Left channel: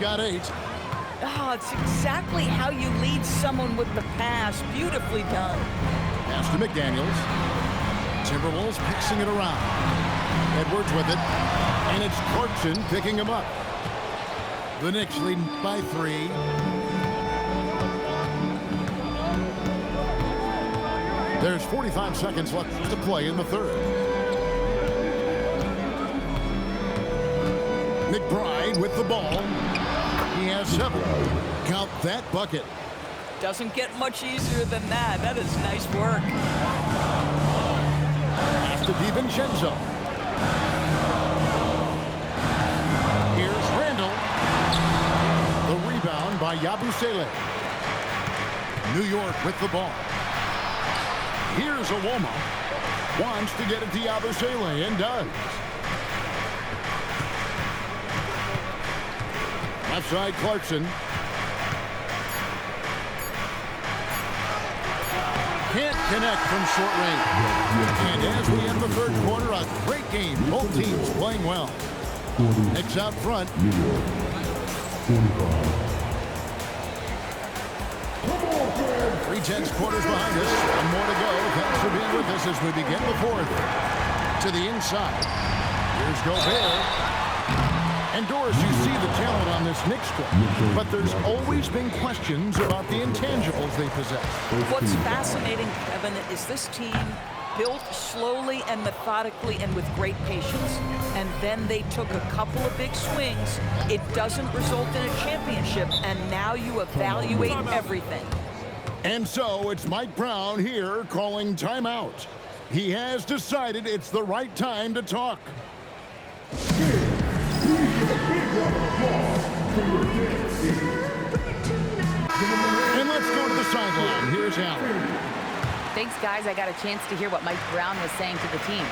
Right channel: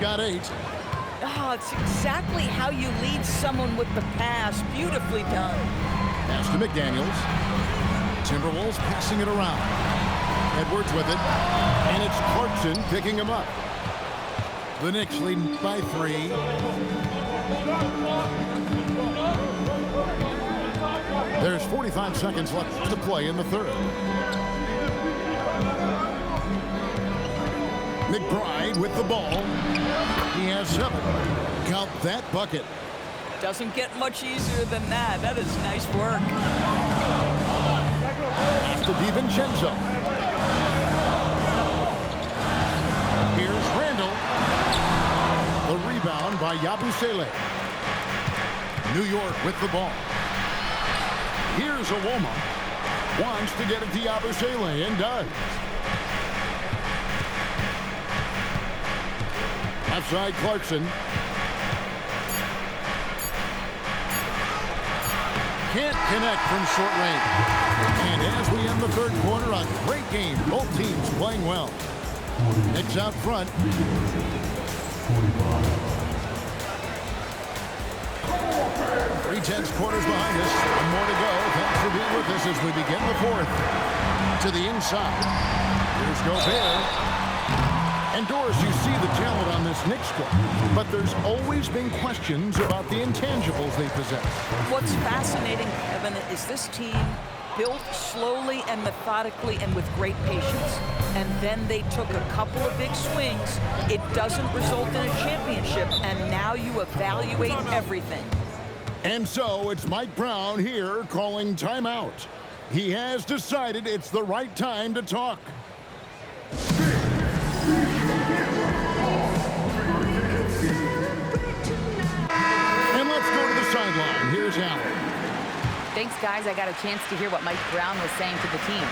Got 8. Oh, it's exactly how you lead someone with the pass. Beautifully done. Pass to McDaniels. Timberwolves passing it around. Edwards with it. And it's Clarkson picking him up. The Knicks leading by 3. There's 45 seconds left to play in the third. McBride with the ball. He has 7. Count that bucket. Doesn't get much easier than that. That is nice work. Pass to DiVincenzo. Here's Randall. The rebound by Yabusele. New York with the ball. Here's Awoma. Wants to get it to Yabusele and does. Outside Clarkson. Can't connect from short range. And as we end the third quarter, a great game. Both teams playing well. Knicks out front. 3/10 quarters behind us. One more to go. Thanks for being with us as we begin the fourth. To the inside. Here's Gobert. And Doris, you see the talent on this Knicks squad, but there's always been questions about the intangibles they possess. What's fascinating, Kevin, is this team built slowly and methodically and with great patience. And then they took a couple of big swings. It doesn't result in a championship, and now you evaluate everything. And so it's Mike Brown here calling timeout. He has decided it's the right time to talk. And let's go to the sideline. Here's Allen. Thanks, guys. I got a chance to hear what Mike Brown was saying to the team.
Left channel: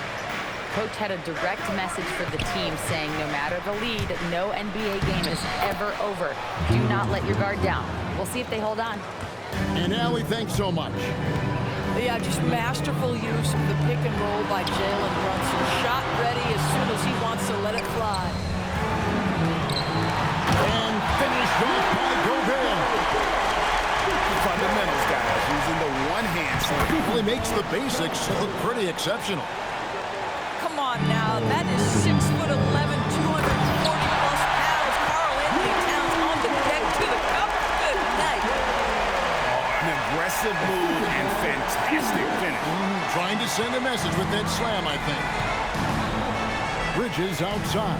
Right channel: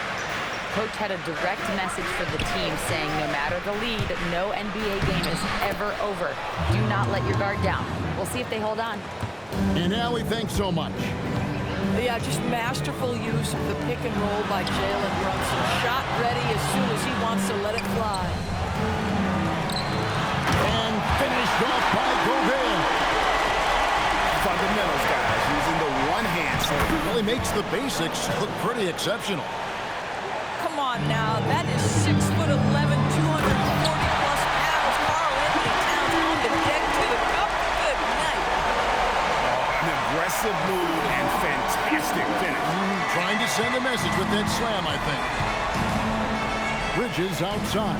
Coach had a direct message for the team saying no matter the lead, no NBA game is ever over. Do not let your guard down. We'll see if they hold on. And Allie, thanks so much. Yeah, just masterful use of the pick and roll by Jalen Brunson. Shot ready as soon as he wants to let it fly. And finished off by Gobert. Fundamentals, guys, using the one-hand slam. Really makes the basics look pretty exceptional. Come on now, that is 6'11", 240-plus pounds. Karl-Anthony Towns on the deck to the cup. Good night. Oh, an aggressive move and fantastic finish. Trying to send a message with that slam, I think. Bridges outside.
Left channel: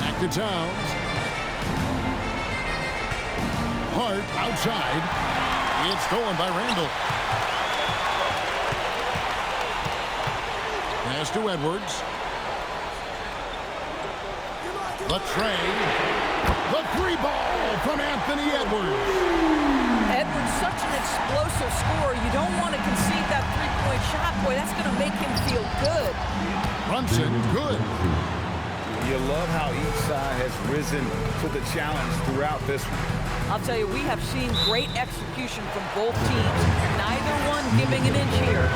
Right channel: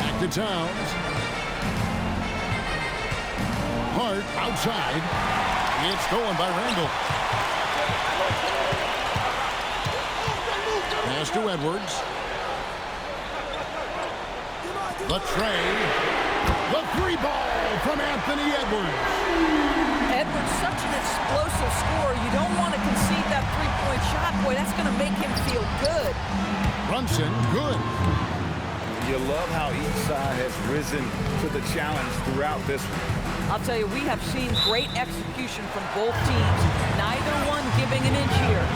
Back to Towns. Hart outside. It's stolen by Randall. Pass to Edwards. The tray. The three ball from Anthony Edwards. Edwards, such an explosive scorer. You don't want to concede that three-point shot. Boy, that's going to make him feel good. Brunson, good. You love how each side has risen to the challenge throughout this one. I'll tell you, we have seen great execution from both teams. Neither one giving an inch here.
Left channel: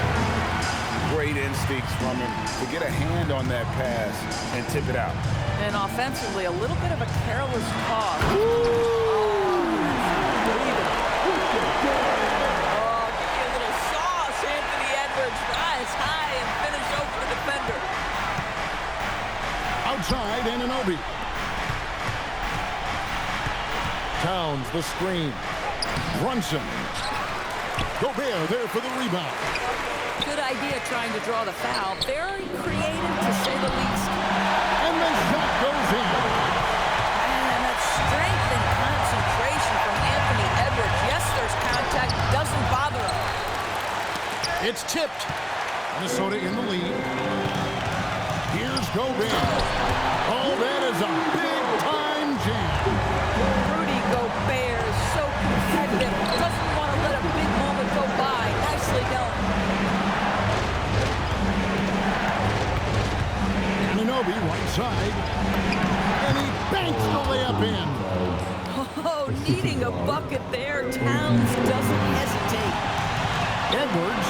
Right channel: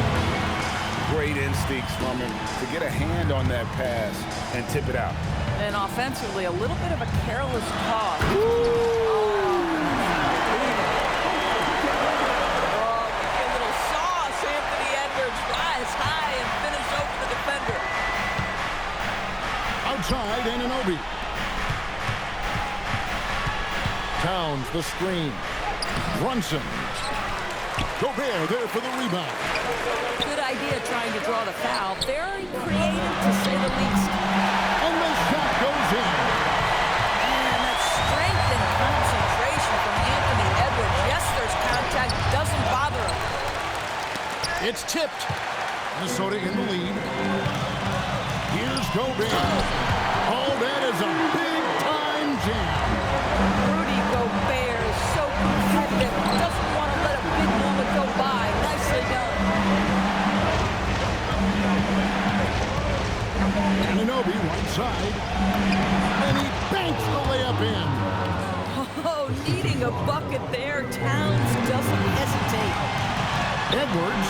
Great instincts from him to get a hand on that pass and tip it out. And offensively, a little bit of a careless toss. Oh, that's unbelievable. Oh, give you a little sauce, Anthony Edwards. Rise high and finish over the defender. Outside, Anunoby. Towns, the screen. Brunson. Gobert there for the rebound. Good idea trying to draw the foul. Very creative, to say the least. And the shot goes in. Man, that strength and concentration from Anthony Edwards. Yes, there's contact. Doesn't bother him. It's tipped. Minnesota in the lead. Here's Gobert. Oh, that is a big-time jam. Rudy Gobert is so competitive. Doesn't want to let a big moment go by. Nicely done. Anunoby, right side. And he banks the layup in. Oh, needing a bucket there. Towns doesn't hesitate. Edwards.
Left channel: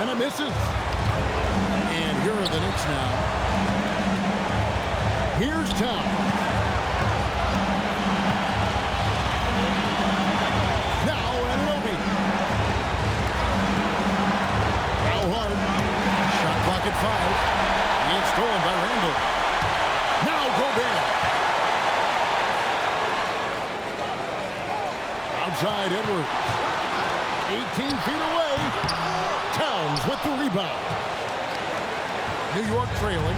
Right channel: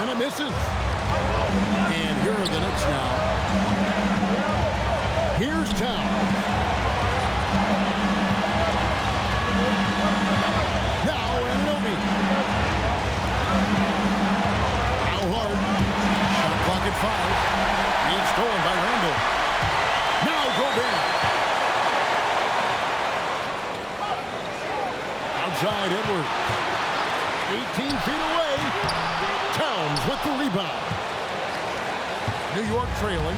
And it misses. And here are the Knicks now. Here's Towns. at 5. It's stolen by Randall. Now Gobert. Outside Edwards. 18 feet away. Towns with the rebound. New York trailing.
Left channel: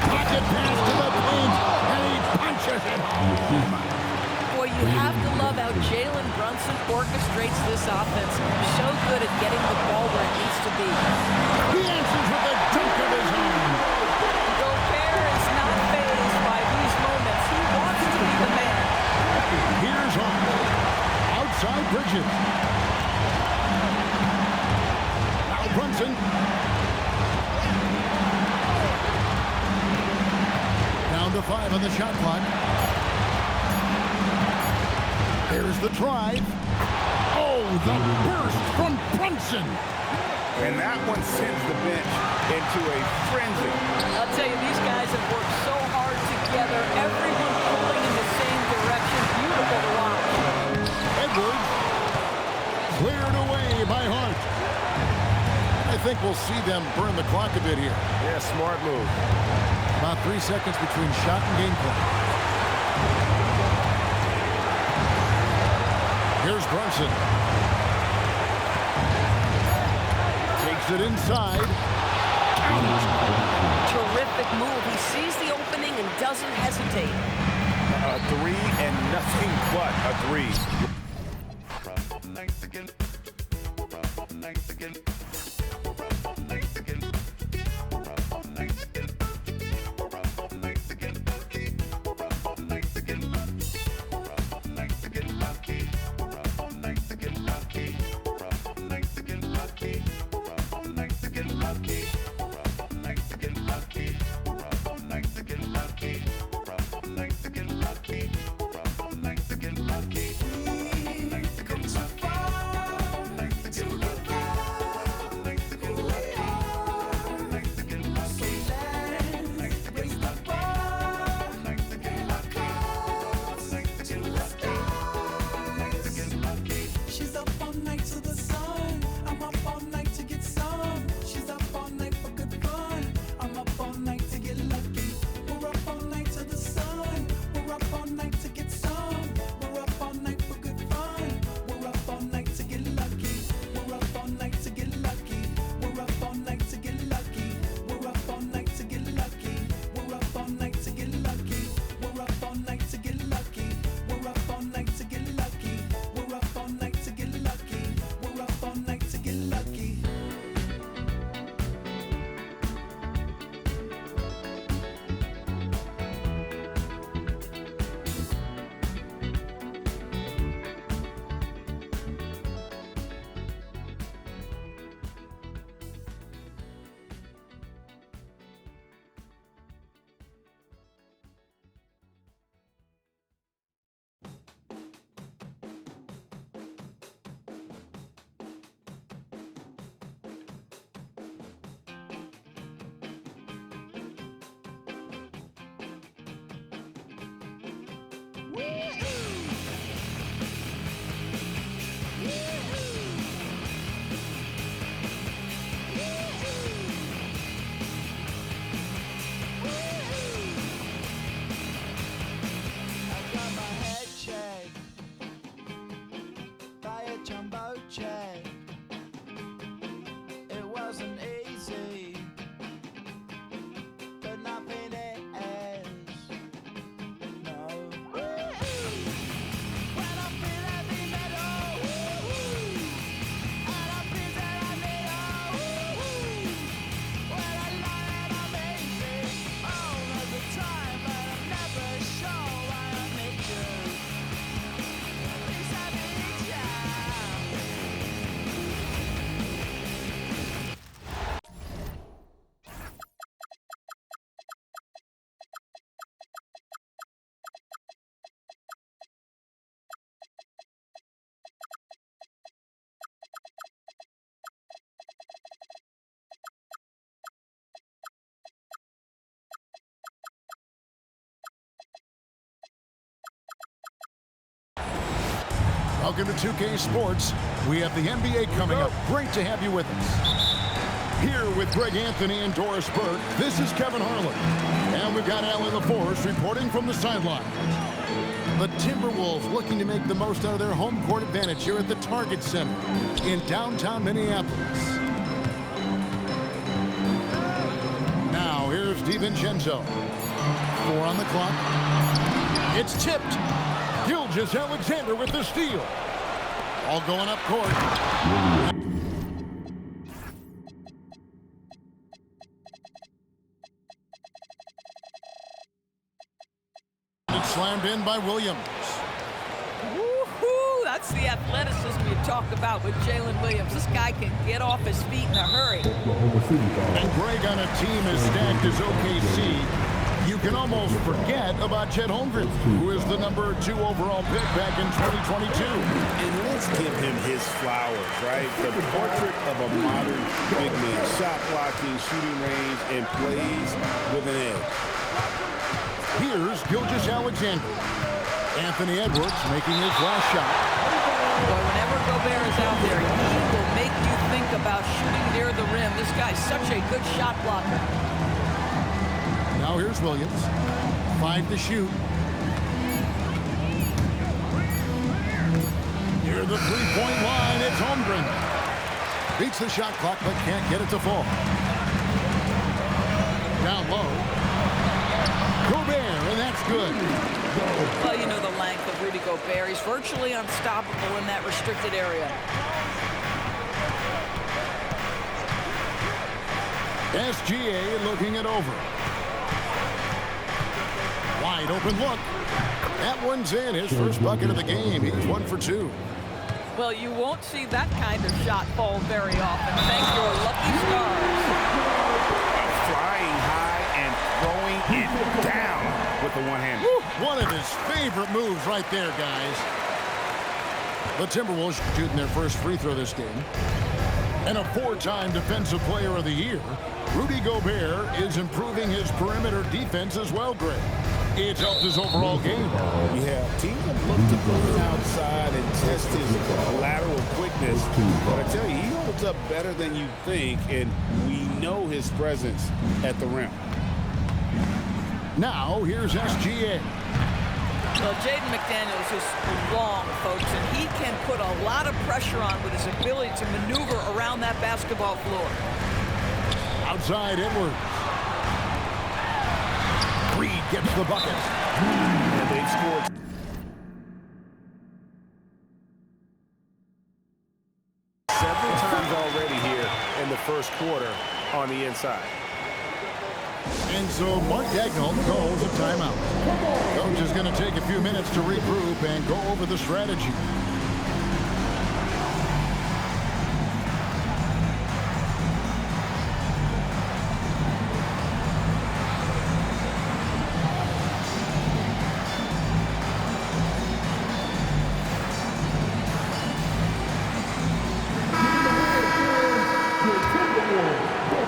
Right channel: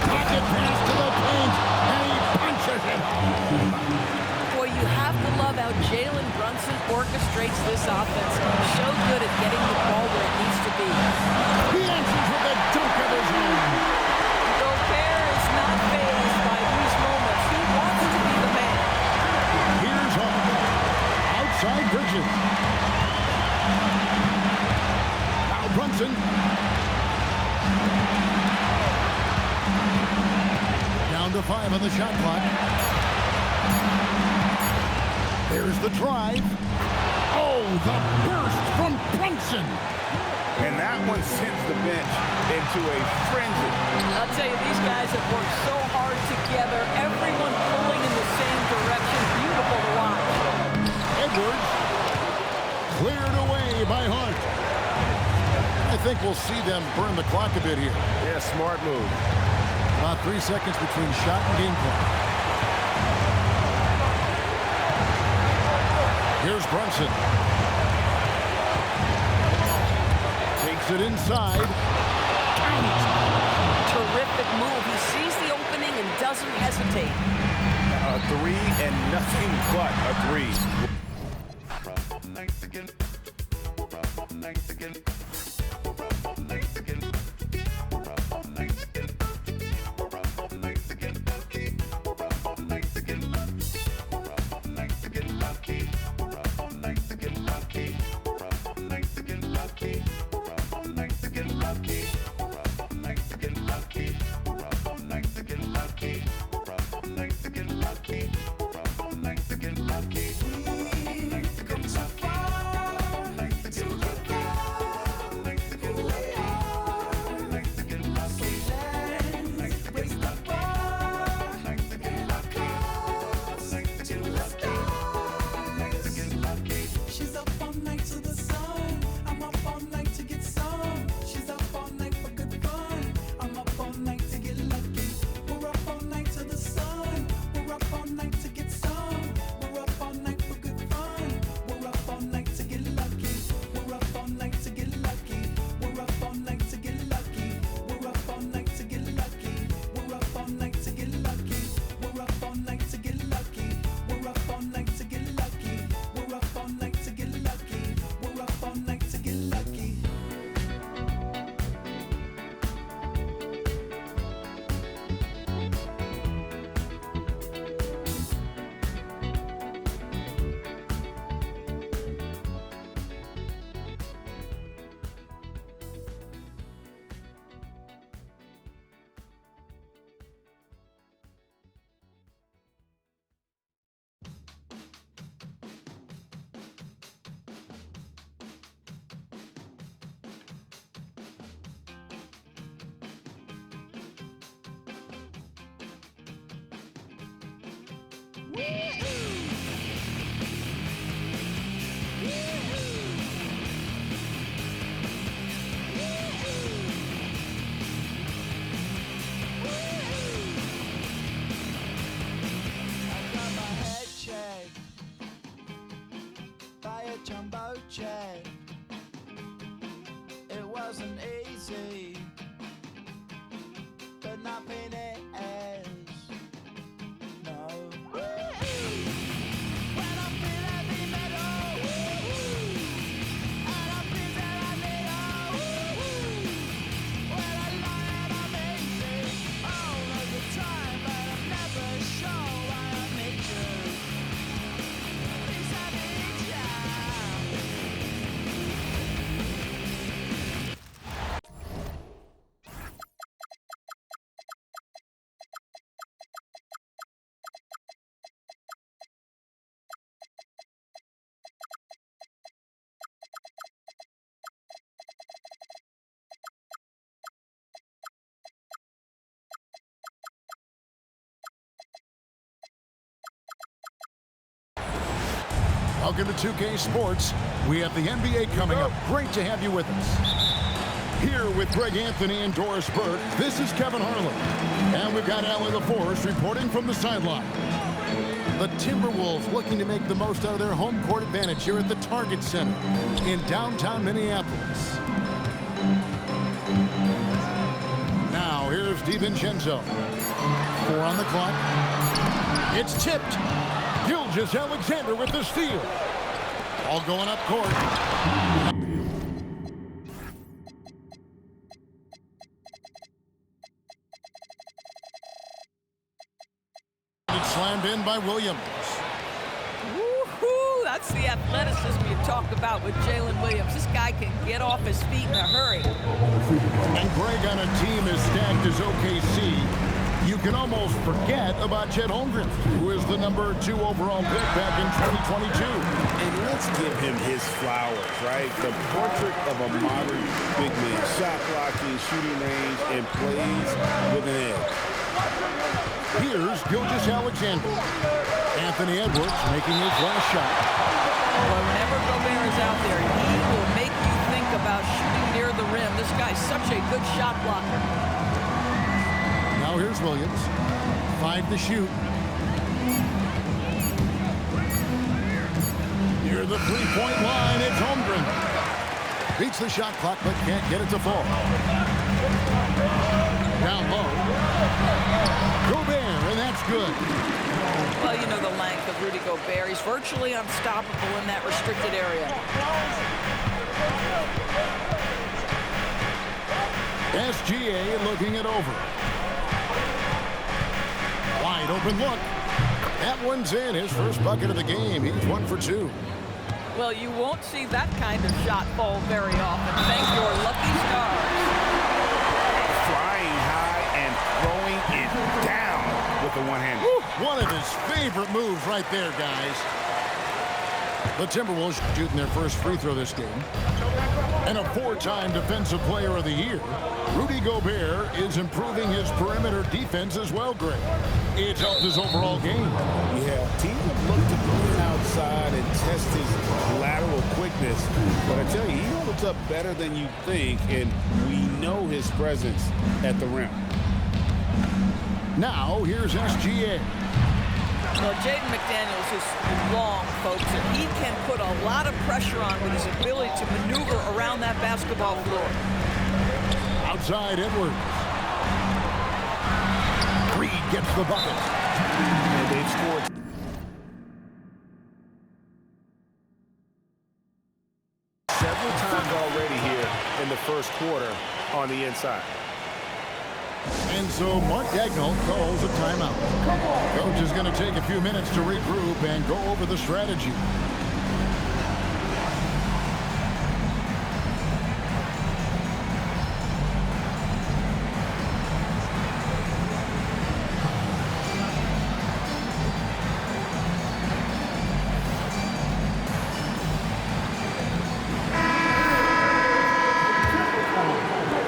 Pocket pass to the paint, and he punches it home. Boy, you have to love how Jalen Brunson orchestrates this offense. So good at getting the ball where it needs to be. He answers with a dunk of his own. Gobert is not fazed by these moments. He wants to be the man. Here's Hart. Outside Bridges. Now Brunson. Down to 5 on the shot clock. There's the drive. Oh, the burst from Brunson. And that one sends the bench into a frenzy. I'll tell you, these guys have worked so hard together. Everyone pulling in the same direction. Beautiful to watch. Edwards cleared away by Hart. I think we'll see them burn the clock a bit here. Yeah, smart move. About 3 seconds between shot and game clock. Here's Brunson. Takes it inside. Count it. Terrific move. He sees the opening and doesn't hesitate. A 3 and nothing but a 3. Welcome to 2K Sports. We have the NBA coming up. Great to have you with us. Here with Greg Anthony and Doris Burke, this is Kevin Harlan. And we've got Allie LaForce reporting from the sideline. The Timberwolves looking to make the most out of their home court advantage here at the Target Center in downtown Minneapolis. Now here's DiVincenzo. 4 on the clock. It's tipped. Gilgeous-Alexander with the steal. All going up court. It's slammed in by Williams. Woohoo! That's the athleticism you talk about with Jalen Williams. This guy can get off his feet in a hurry. And Greg, on a team as stacked as OKC, you can almost forget about Chet Holmgren, who is the #2 overall pick back in 2022. And let's give him his flowers, right? The portrait of a modern big man. Shot blocking, shooting range, and plays with an edge. Here's Gilgeous-Alexander. Anthony Edwards making his last shot. Boy, whenever Gobert is out there, he will make you think about shooting near the rim. This guy's such a good shot blocker. Now here's Williams. 5 to shoot. Near the three-point line, it's Holmgren. Beats the shot clock, but can't get it to fall. Down low. Gobert, and that's good. Well, you know the length of Rudy Gobert. He's virtually unstoppable in that restricted area. SGA looking it over. Wide open look. That one's in. His first bucket of the game. He's 1 for 2. Well, you won't see that kind of shot fall very often. Thank your lucky stars. Flying high and throwing it down with the one-hander. One of his favorite moves right there, guys. The Timberwolves shooting their first free throw this game. And a 4-time Defensive Player of the Year, Rudy Gobert is improving his perimeter defense as well, Greg. It's helped his overall game. Yeah, teams have looked to put him outside and test his lateral quickness. But I tell you, he holds up better than you think, and we know his presence at the rim. Now, here's SGA. Well, Jaden McDaniels is long, folks, and he can put a lot of pressure on with his ability to maneuver around that basketball floor. Outside Edwards. Reed gets the bucket. And they've scored several times already here in the first quarter on the inside. And so Mark Daigneault calls a timeout. Coach is going to take a few minutes to regroup and go over the strategy.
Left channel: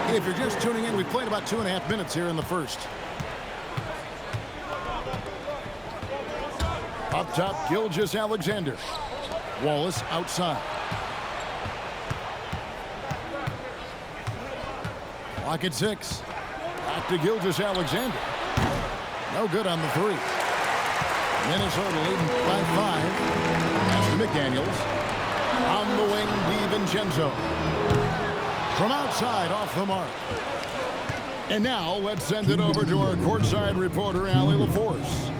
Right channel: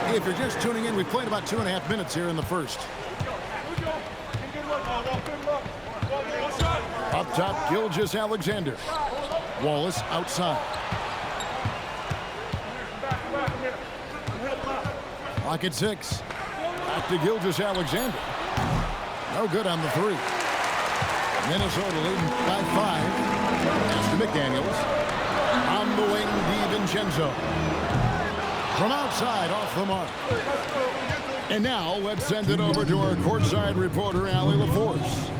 If you're just tuning in, we played about 2.5 minutes here in the first. Up top, Gilgeous-Alexander. Wallace outside. Clock at 6. Back to Gilgeous-Alexander. No good on the 3. Minnesota leading by 5. Pass to McDaniels. On the wing, DiVincenzo. From outside, off the mark. And now, let's send it over to our courtside reporter, Allie LaForce.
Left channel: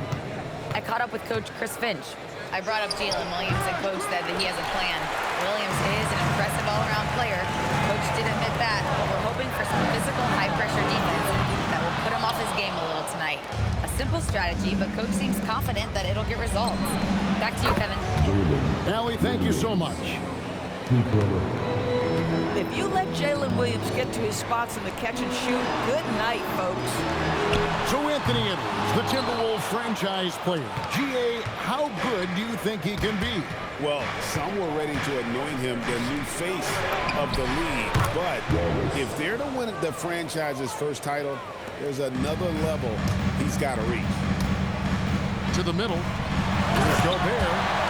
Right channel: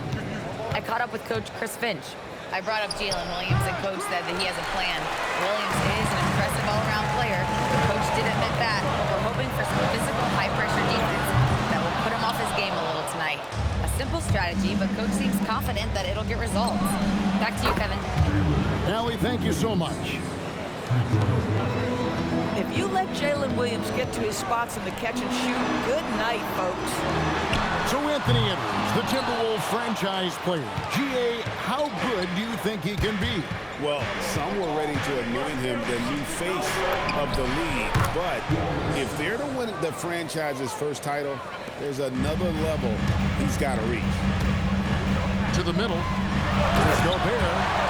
I caught up with Coach Chris Finch. I brought up Jalen Williams, and Coach said that he has a plan. Williams is an impressive all-around player. Coach did admit that, but we're hoping for some physical, high-pressure defense that will put him off his game a little tonight. A simple strategy, but Coach seems confident that it'll get results. Back to you, Kevin. Allie, thank you so much. If you let Jalen Williams get to his spots in the catch and shoot, good night, folks. So Anthony Edwards, the Timberwolves franchise player. GA, how good do you think he can be? Well, some were ready to anoint him the new face of the league. But if they're to win the franchise's first title, there's another level he's got to reach. To the middle. Here's Gobert.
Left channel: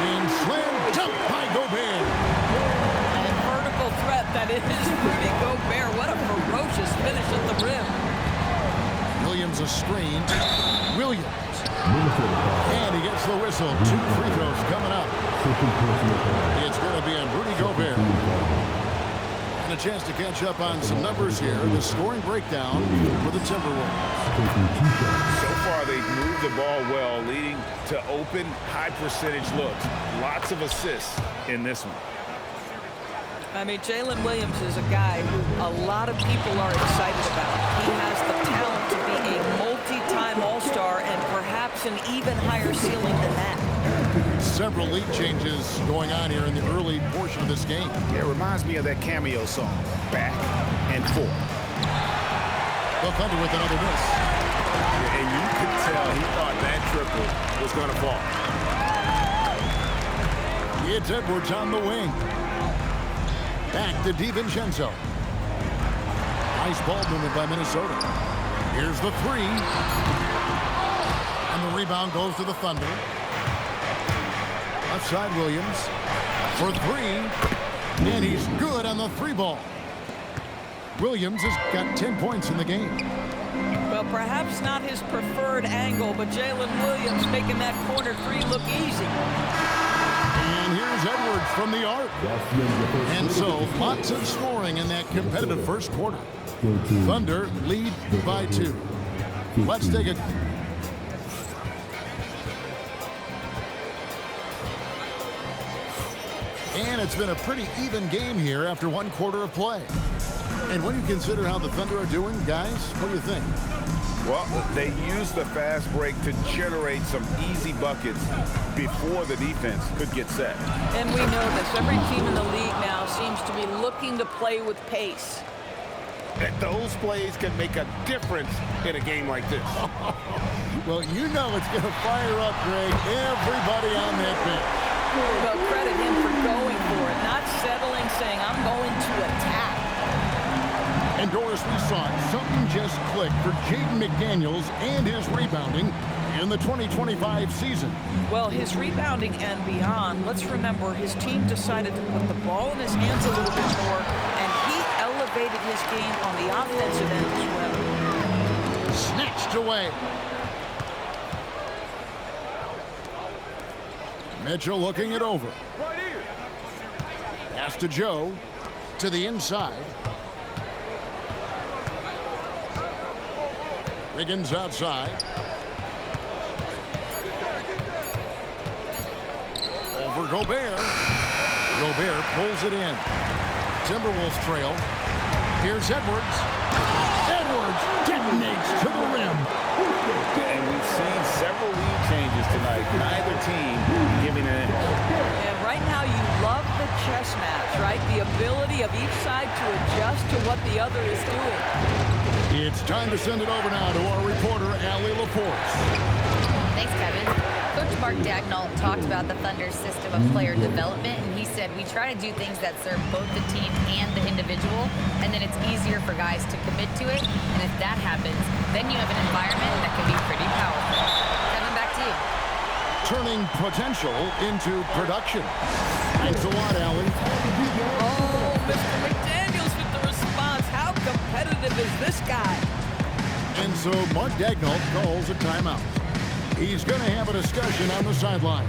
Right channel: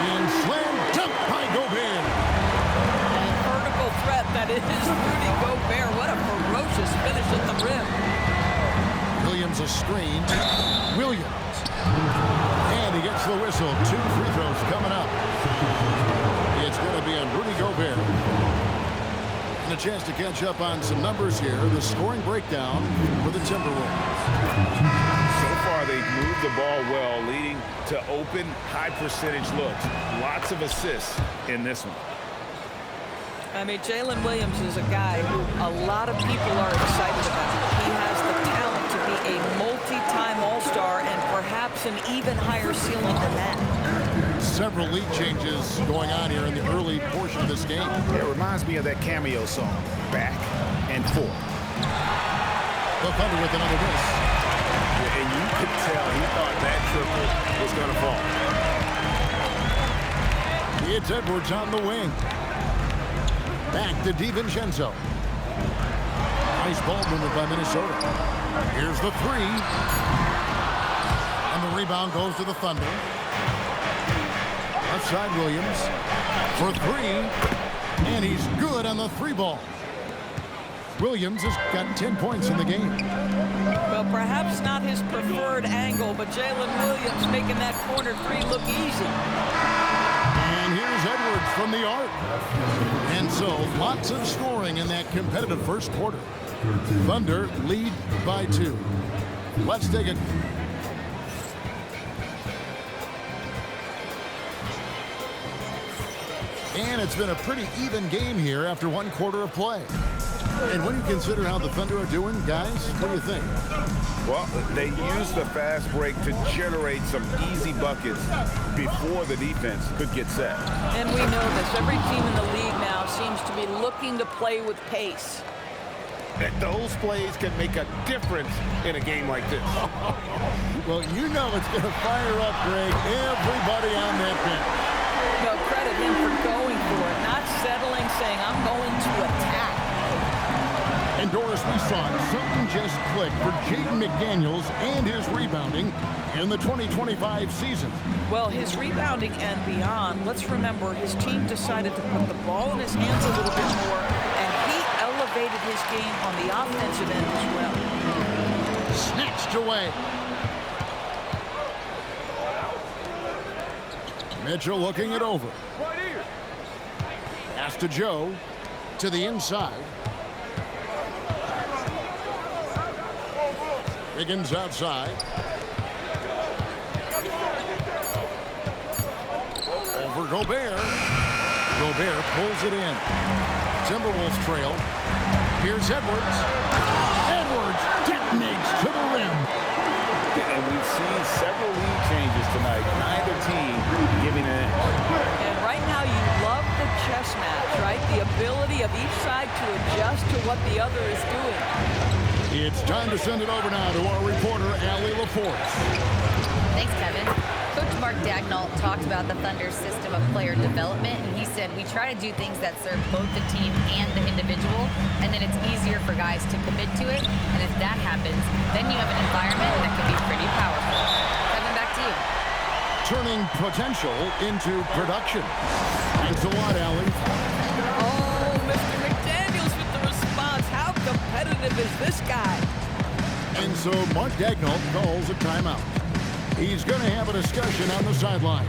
And slam dunk by Gobert. And vertical threat, that is Rudy Gobert. What a ferocious finish at the rim. Williams a screen. Williams. And he gets the whistle. 2 free throws coming up. It's going to be on Rudy Gobert. And a chance to catch up on some numbers here. The scoring breakdown for the Timberwolves. So far, they've moved the ball well, leading to open, high-percentage looks. Lots of assists in this one. I mean, Jalen Williams is a guy who a lot of people are excited about. He has the talent to be a multi-time All-Star and perhaps an even higher ceiling than that. Several lead changes going on here in the early portion of this game. It reminds me of that Cameo song, Back and Forth. The Thunder with another miss. Yeah, and you could tell he thought that triple was going to fall. It's Edwards on the wing. Back to DiVincenzo. Nice ball movement by Minnesota. Here's the 3. And the rebound goes to the Thunder. Left side Williams for 3. And he's good on the 3 ball. Williams has got 10 points in the game. Well, perhaps not his preferred angle, but Jalen Williams making that corner 3 look easy. And here's Edwards from the arc. And so, lots of scoring in that competitive first quarter. Thunder lead by 2. Let's take a... And it's been a pretty even game here after 1 quarter of play. And when you consider how the Thunder are doing, guys, what do you think? Well, they used the fast break to generate some easy buckets before the defense could get set. And we know this. Every team in the league now seems to be looking to play with pace. And those plays can make a difference in a game like this. Well, you know it's going to fire up, Greg, everybody on that bench. Well, credit him for going for it, not settling, saying, I'm going to attack. And Doris, we saw it. Something just clicked for Jaden McDaniels and his rebounding in the 2025 season. Well, his rebounding and beyond, let's remember his team decided to put the ball in his hands a little bit more, and he elevated his game on the offensive end as well. Snatched away. Mitchell looking it over. Right here. Pass to Joe. To the inside. Wiggins outside. Over Gobert. Gobert pulls it in. Timberwolves trail. Here's Edwards. Edwards detonates to the rim. And we've seen several lead changes tonight. Neither team giving an inch. And right now you love the chess match, right? The ability of each side to adjust to what the other is doing. It's time to send it over now to our reporter, Allie LaForce. Thanks, Kevin. Coach Mark Daigneault talked about the Thunder's system of player development, and he said, we try to do things that serve both the team and the individual, and then it's easier for guys to commit to it, and if that happens, then you have an environment that can be pretty powerful. Kevin, back to you. Turning potential into production. Thanks a lot, Allie. Oh, Mr. McDaniels with the response. How competitive is this guy? And so Mark Daigneault calls a timeout. He's going to have a discussion on the sideline.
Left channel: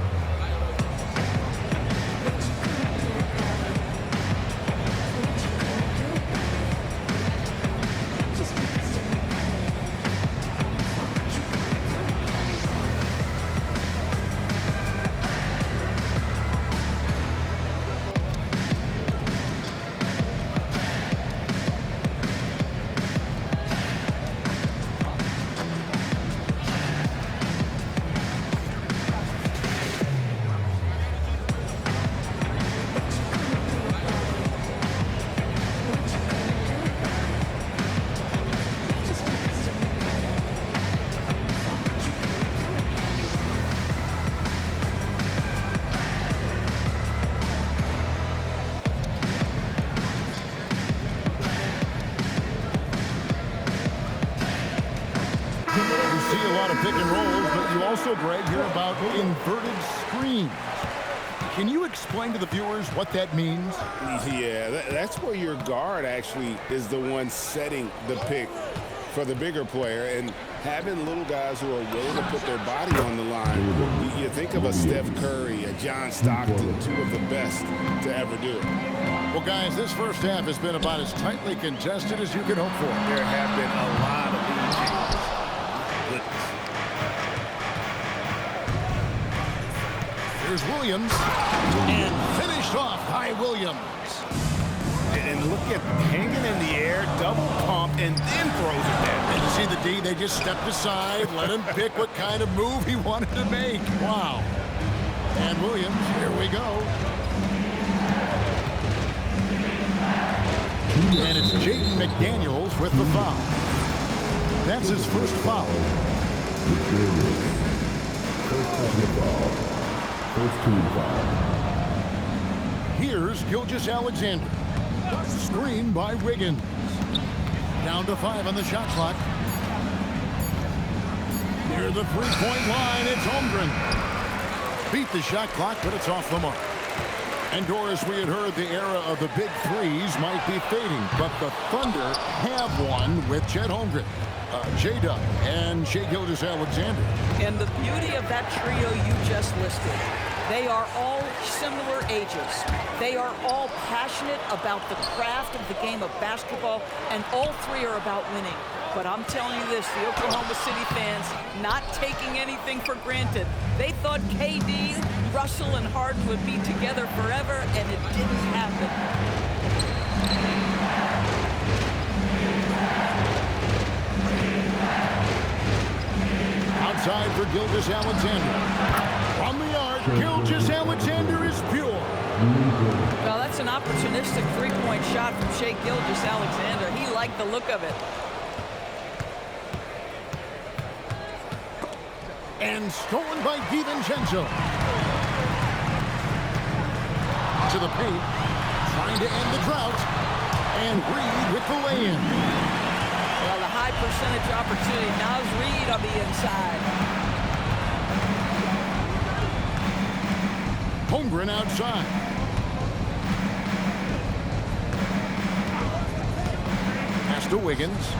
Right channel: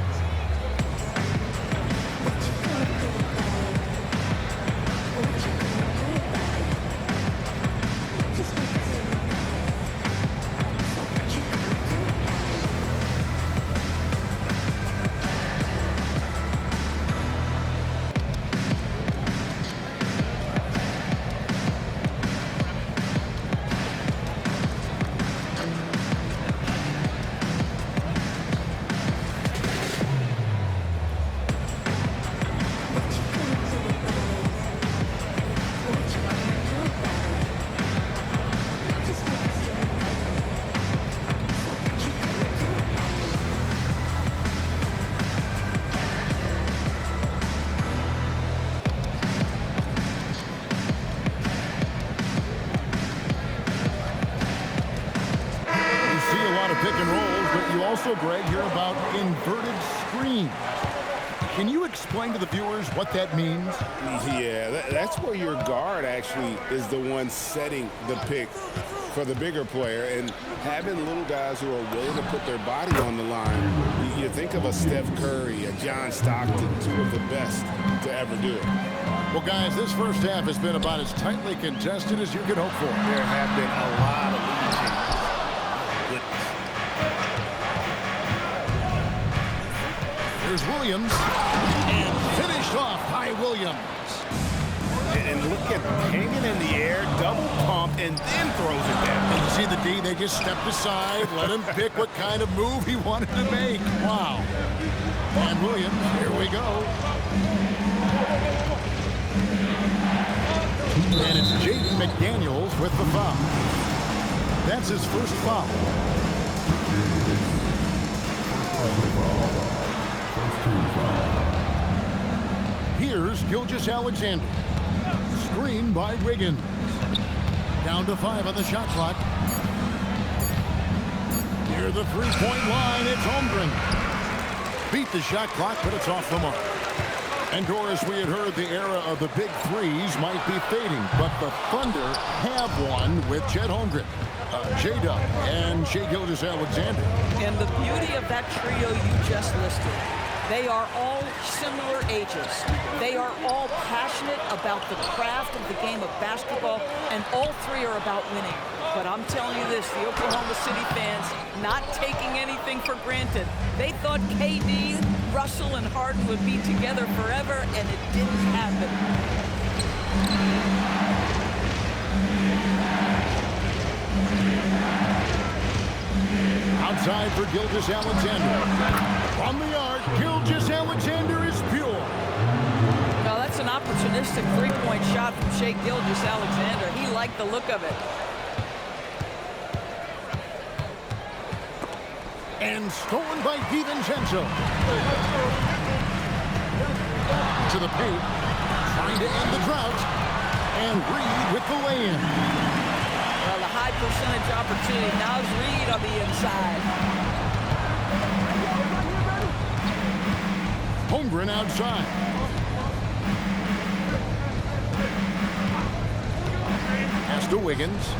See a lot of pick and rolls, but you also, Greg, hear about inverted screens. can you explain to the viewers what that means? Yeah, that's where your guard actually is the one setting the pick for the bigger player, and having little guys who are willing to put their body on the line. You think of a Steph Curry, a John Stockton, two of the best to ever do it. Well, guys, this first half has been about as tightly contested as you could hope for. There have been a lot of lead changes. Goodness. Here's Williams, and finished off by Williams. And look at hanging in the air, double pump, and then throws it down. And you see the D, they just stepped aside, let him pick what kind of move he wanted to make. Wow. And Williams, here we go. And it's Jaden McDaniels with the foul. That's his first foul. First team foul. Here's Gilgeous-Alexander. Screen by Wiggins. Down to 5 on the shot clock. Near the three-point line, it's Holmgren. Beat the shot clock, but it's off the mark. And Doris, we had heard the era of the big threes might be fading, but the Thunder have one with Chet Holmgren, J-Dub, and Shai Gilgeous-Alexander. And the beauty of that trio you just listed, they are all similar ages. They are all passionate about the craft of the game of basketball, and all three are about winning. But I'm telling you this, the Oklahoma City fans not taking anything for granted. They thought KD, Russell, and Harden would be together forever, and it didn't happen. Outside for Gilgeous-Alexander. From the arc, Gilgeous-Alexander is pure. Well, that's an opportunistic three-point shot from Shai Gilgeous-Alexander. He liked the look of it. And stolen by DiVincenzo. To the paint, trying to end the drought. And Reed with the lay-in. Well, the high percentage opportunity. Now's Reed on the inside. Holmgren outside. Pass to Wiggins.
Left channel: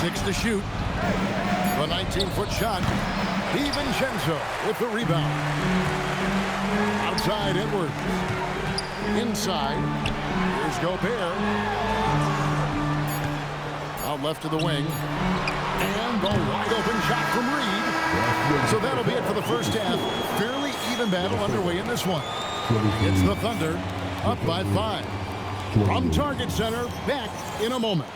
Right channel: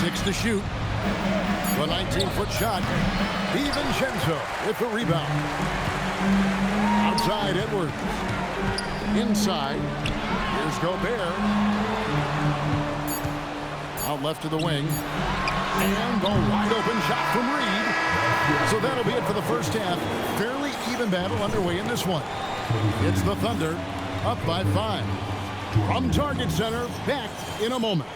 6 to shoot. The 19-foot shot. DiVincenzo with the rebound. Outside Edwards. Inside. Here's Gobert. Out left to the wing. And the wide open shot from Reed. So that'll be it for the first half. Fairly even battle underway in this one. It's the Thunder up by 5. From Target Center, back in a moment.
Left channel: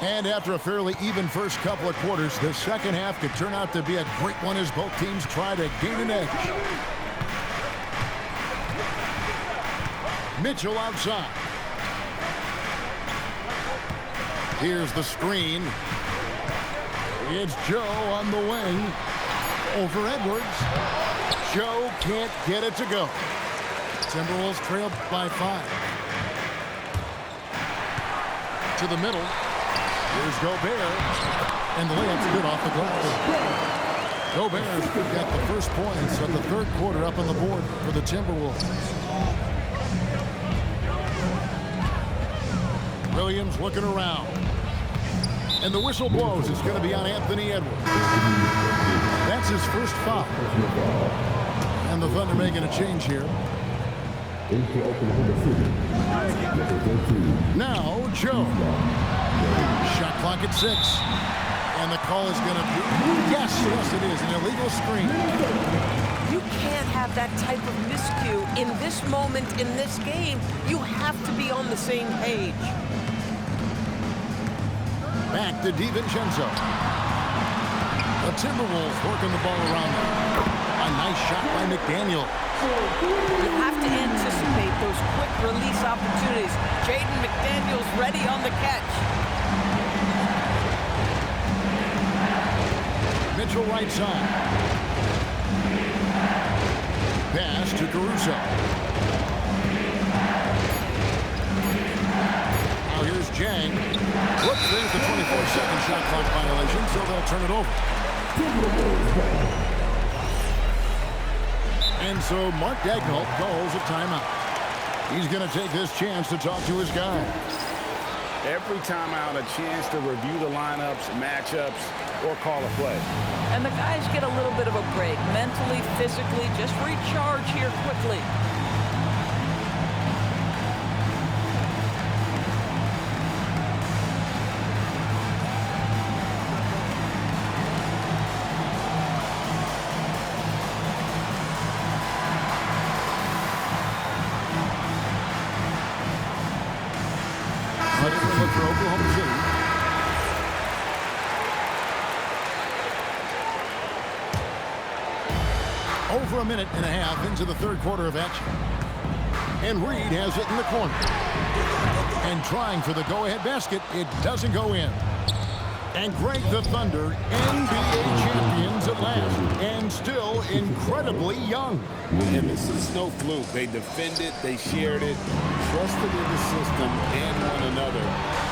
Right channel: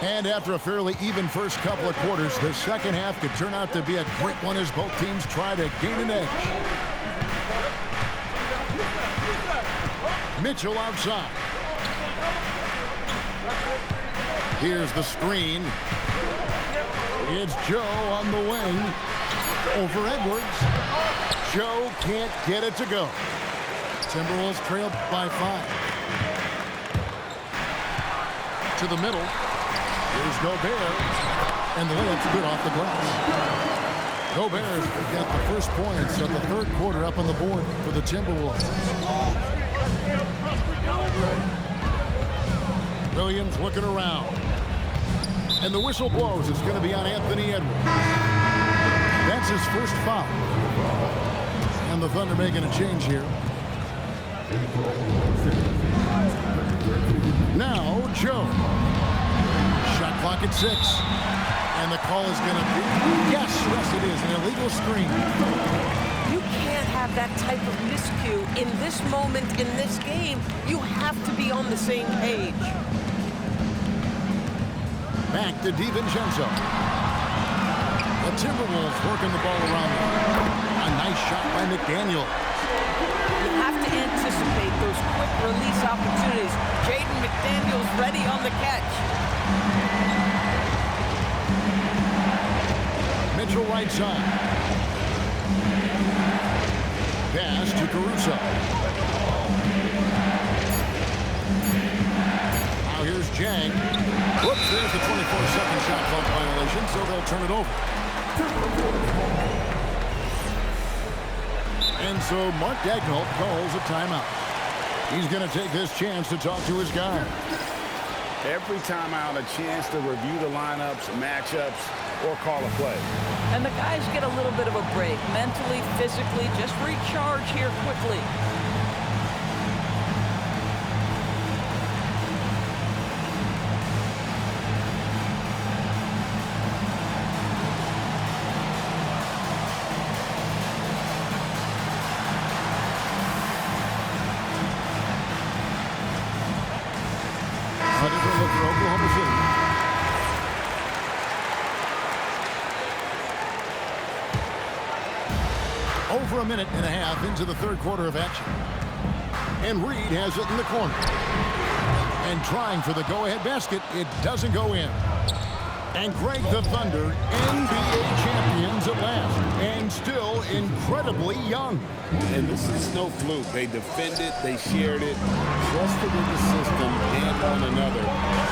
And after a fairly even first couple of quarters, the second half could turn out to be a great one as both teams try to gain an edge. Mitchell outside. Here's the screen. It's Joe on the wing. Over Edwards. Joe can't get it to go. Timberwolves trail by 5. To the middle. Here's Gobert. And the layup's good off the glass. Gobert's got the first points of the third quarter up on the board for the Timberwolves. Williams looking around. And the whistle blows. It's going to be on Anthony Edwards. That's his first foul. And the Thunder making a change here. Now, Joe. Shot clock at 6. And the call is going to be, yes, it is, an illegal screen. You can't have that type of miscue in this moment, in this game. You have to be on the same page. Back to DiVincenzo. The Timberwolves working the ball around them. A nice shot by McDaniel. You have to anticipate those quick release opportunities. Jaden McDaniels ready on the catch. Mitchell right side. Pass to Caruso. Now here's Jang. Whoops, there's the 24-second shot clock violation, so they'll turn it over. And so Mark Daigneault calls a timeout. He's going to take this chance to talk to his guys. Every timeout, a chance to review the lineups, matchups, or call a play. And the guys get a little bit of a break, mentally, physically, just recharge here quickly. A different look for Oklahoma City. Over a minute and a half into the third quarter of action. And Reed has it in the corner. And trying for the go-ahead basket, it doesn't go in. And Greg, the Thunder, NBA champions at last, and still incredibly young. And this is no fluke. They defended, they shared it, trusted in the system and one another.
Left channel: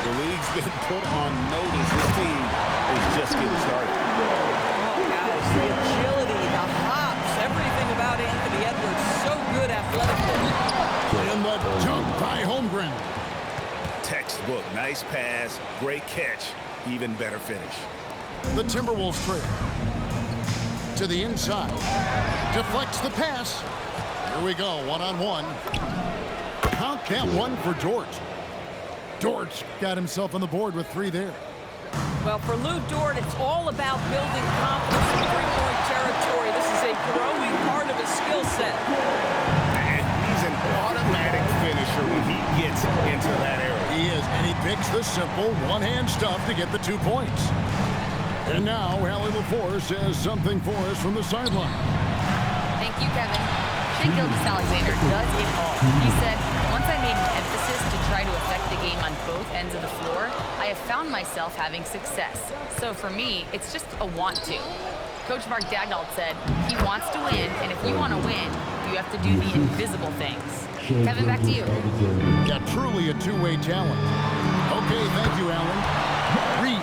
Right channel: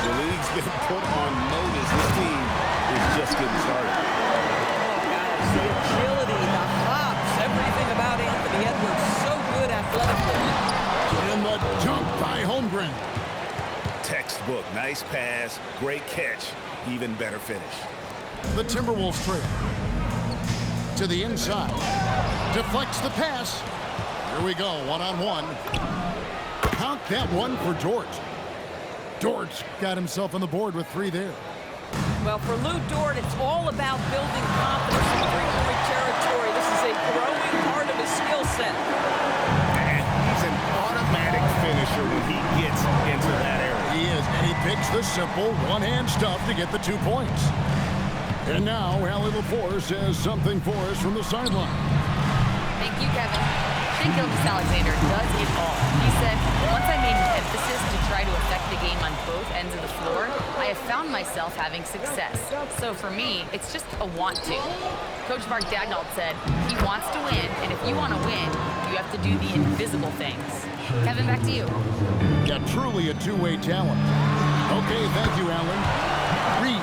The league's been put on notice. This team is just getting started. Oh, guys, the agility, the hops, everything about Anthony Edwards, so good athletically. And the dunk by Holmgren. Textbook, nice pass, great catch, even better finish. The Timberwolves trail. To the inside. Deflects the pass. Here we go, one-on-one. Count that one for Dort. Dort's got himself on the board with 3 there. Well, for Lou Dort, it's all about building confidence in three-point territory. This is a growing part of his skill set. And he's an automatic finisher when he gets into that area. He is, and he picks the simple one-hand stuff to get the 2 points. And now, Allie LaForce says something for us from the sideline. Thank you, Kevin. Shai Gilgeous-Alexander does it all. He said, once I made an emphasis to try to affect the game on both ends of the floor, I have found myself having success. So for me, it's just a want to. Coach Mark Daigneault said, he wants to win, and if you want to win, you have to do the invisible things. Kevin, back to you. Yeah, truly a two-way talent. Okay, thank you, Allie. Reed.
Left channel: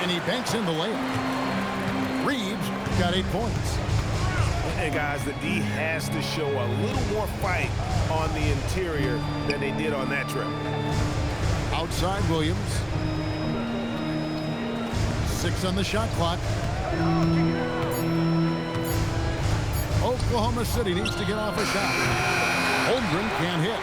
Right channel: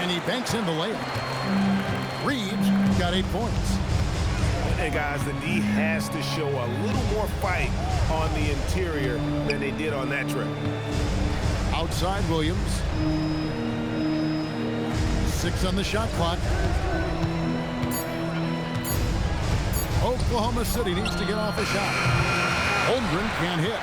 And he banks in the layup. Reed's got 8 points. And guys, the D has to show a little more fight on the interior than they did on that trip. Outside Williams. 6 on the shot clock. Oklahoma City needs to get off a shot. Holmgren can't hit.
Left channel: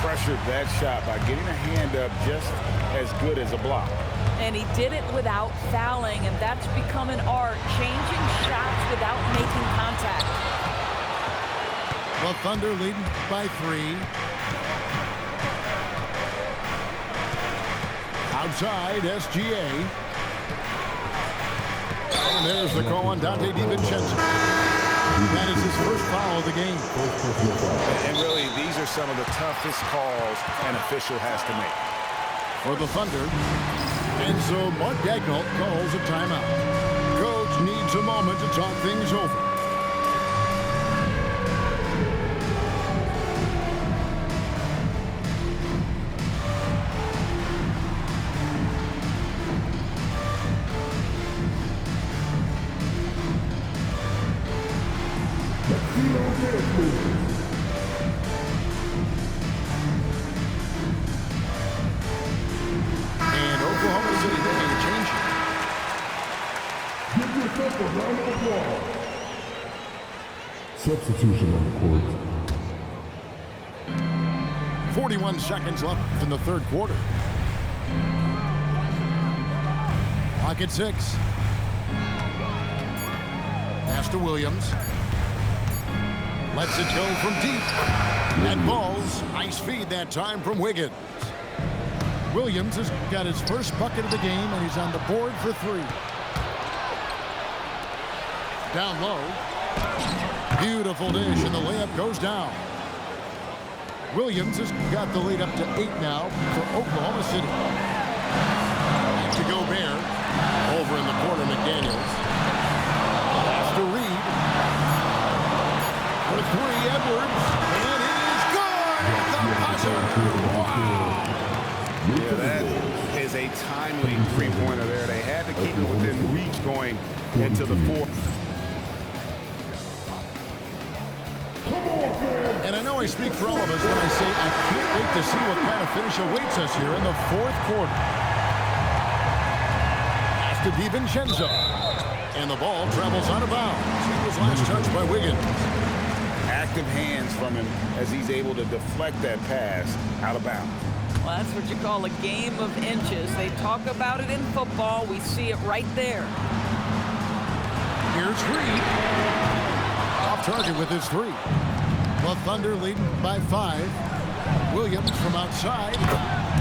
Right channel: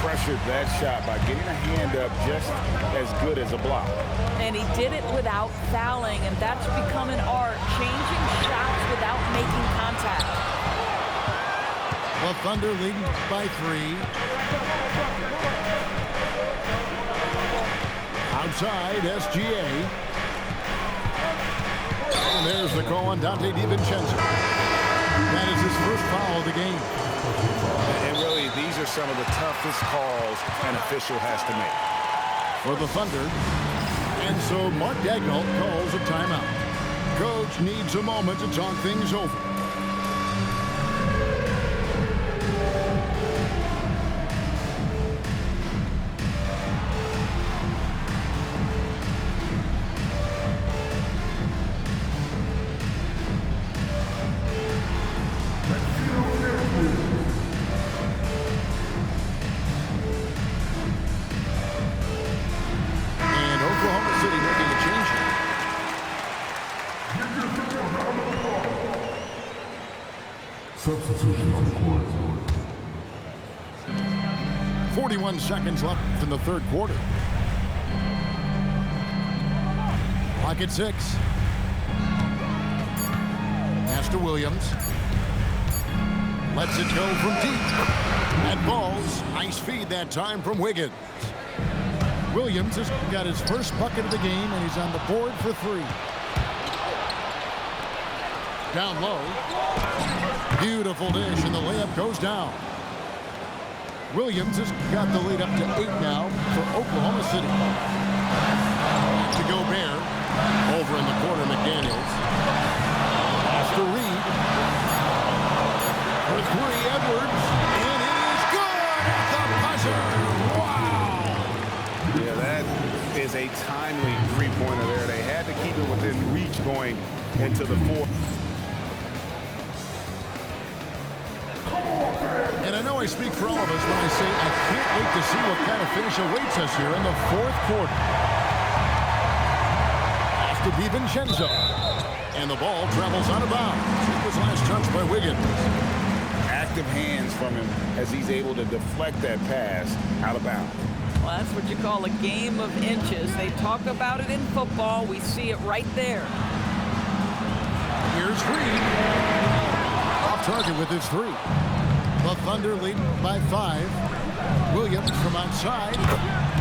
Pressured that shot by getting a hand up just as good as a block. And he did it without fouling, and that's become an art, changing shots without making contact. The Thunder leading by 3. Outside, SGA. And there's the call on Dante DiVincenzo. That is his first foul of the game. And really, these are some of the toughest calls an official has to make. For the Thunder. And so Mark Daigneault calls a timeout. Coach needs a moment to talk things over. And Oklahoma City making a change here. Give yourself a round of applause. Substitution on the court. 41 seconds left in the third quarter. Clock at 6. Pass to Williams. Lets it go from deep. And balls. Nice feed that time from Wiggins. Williams has got his first bucket of the game, and he's on the board for 3. Down low. Beautiful dish, and the layup goes down. Williams has got the lead up to 8 now for Oklahoma City. Back to Gobert. Over in the corner, McDaniels. Pass to Reed. For 3, Edwards. And it is good at the buzzer. Wow. Yeah, that is a timely three-pointer there. They had to keep it within reach going into the fourth. And I know I speak for all of us when I say I can't wait to see what kind of finish awaits us here in the fourth quarter. Pass to DiVincenzo. And the ball travels out of bounds. It was last touched by Wiggins. Active hands from him as he's able to deflect that pass out of bounds. Well, that's what you call a game of inches. They talk about it in football. We see it right there. Here's Reed. Off target with his 3. The Thunder leading by 5. Williams from outside.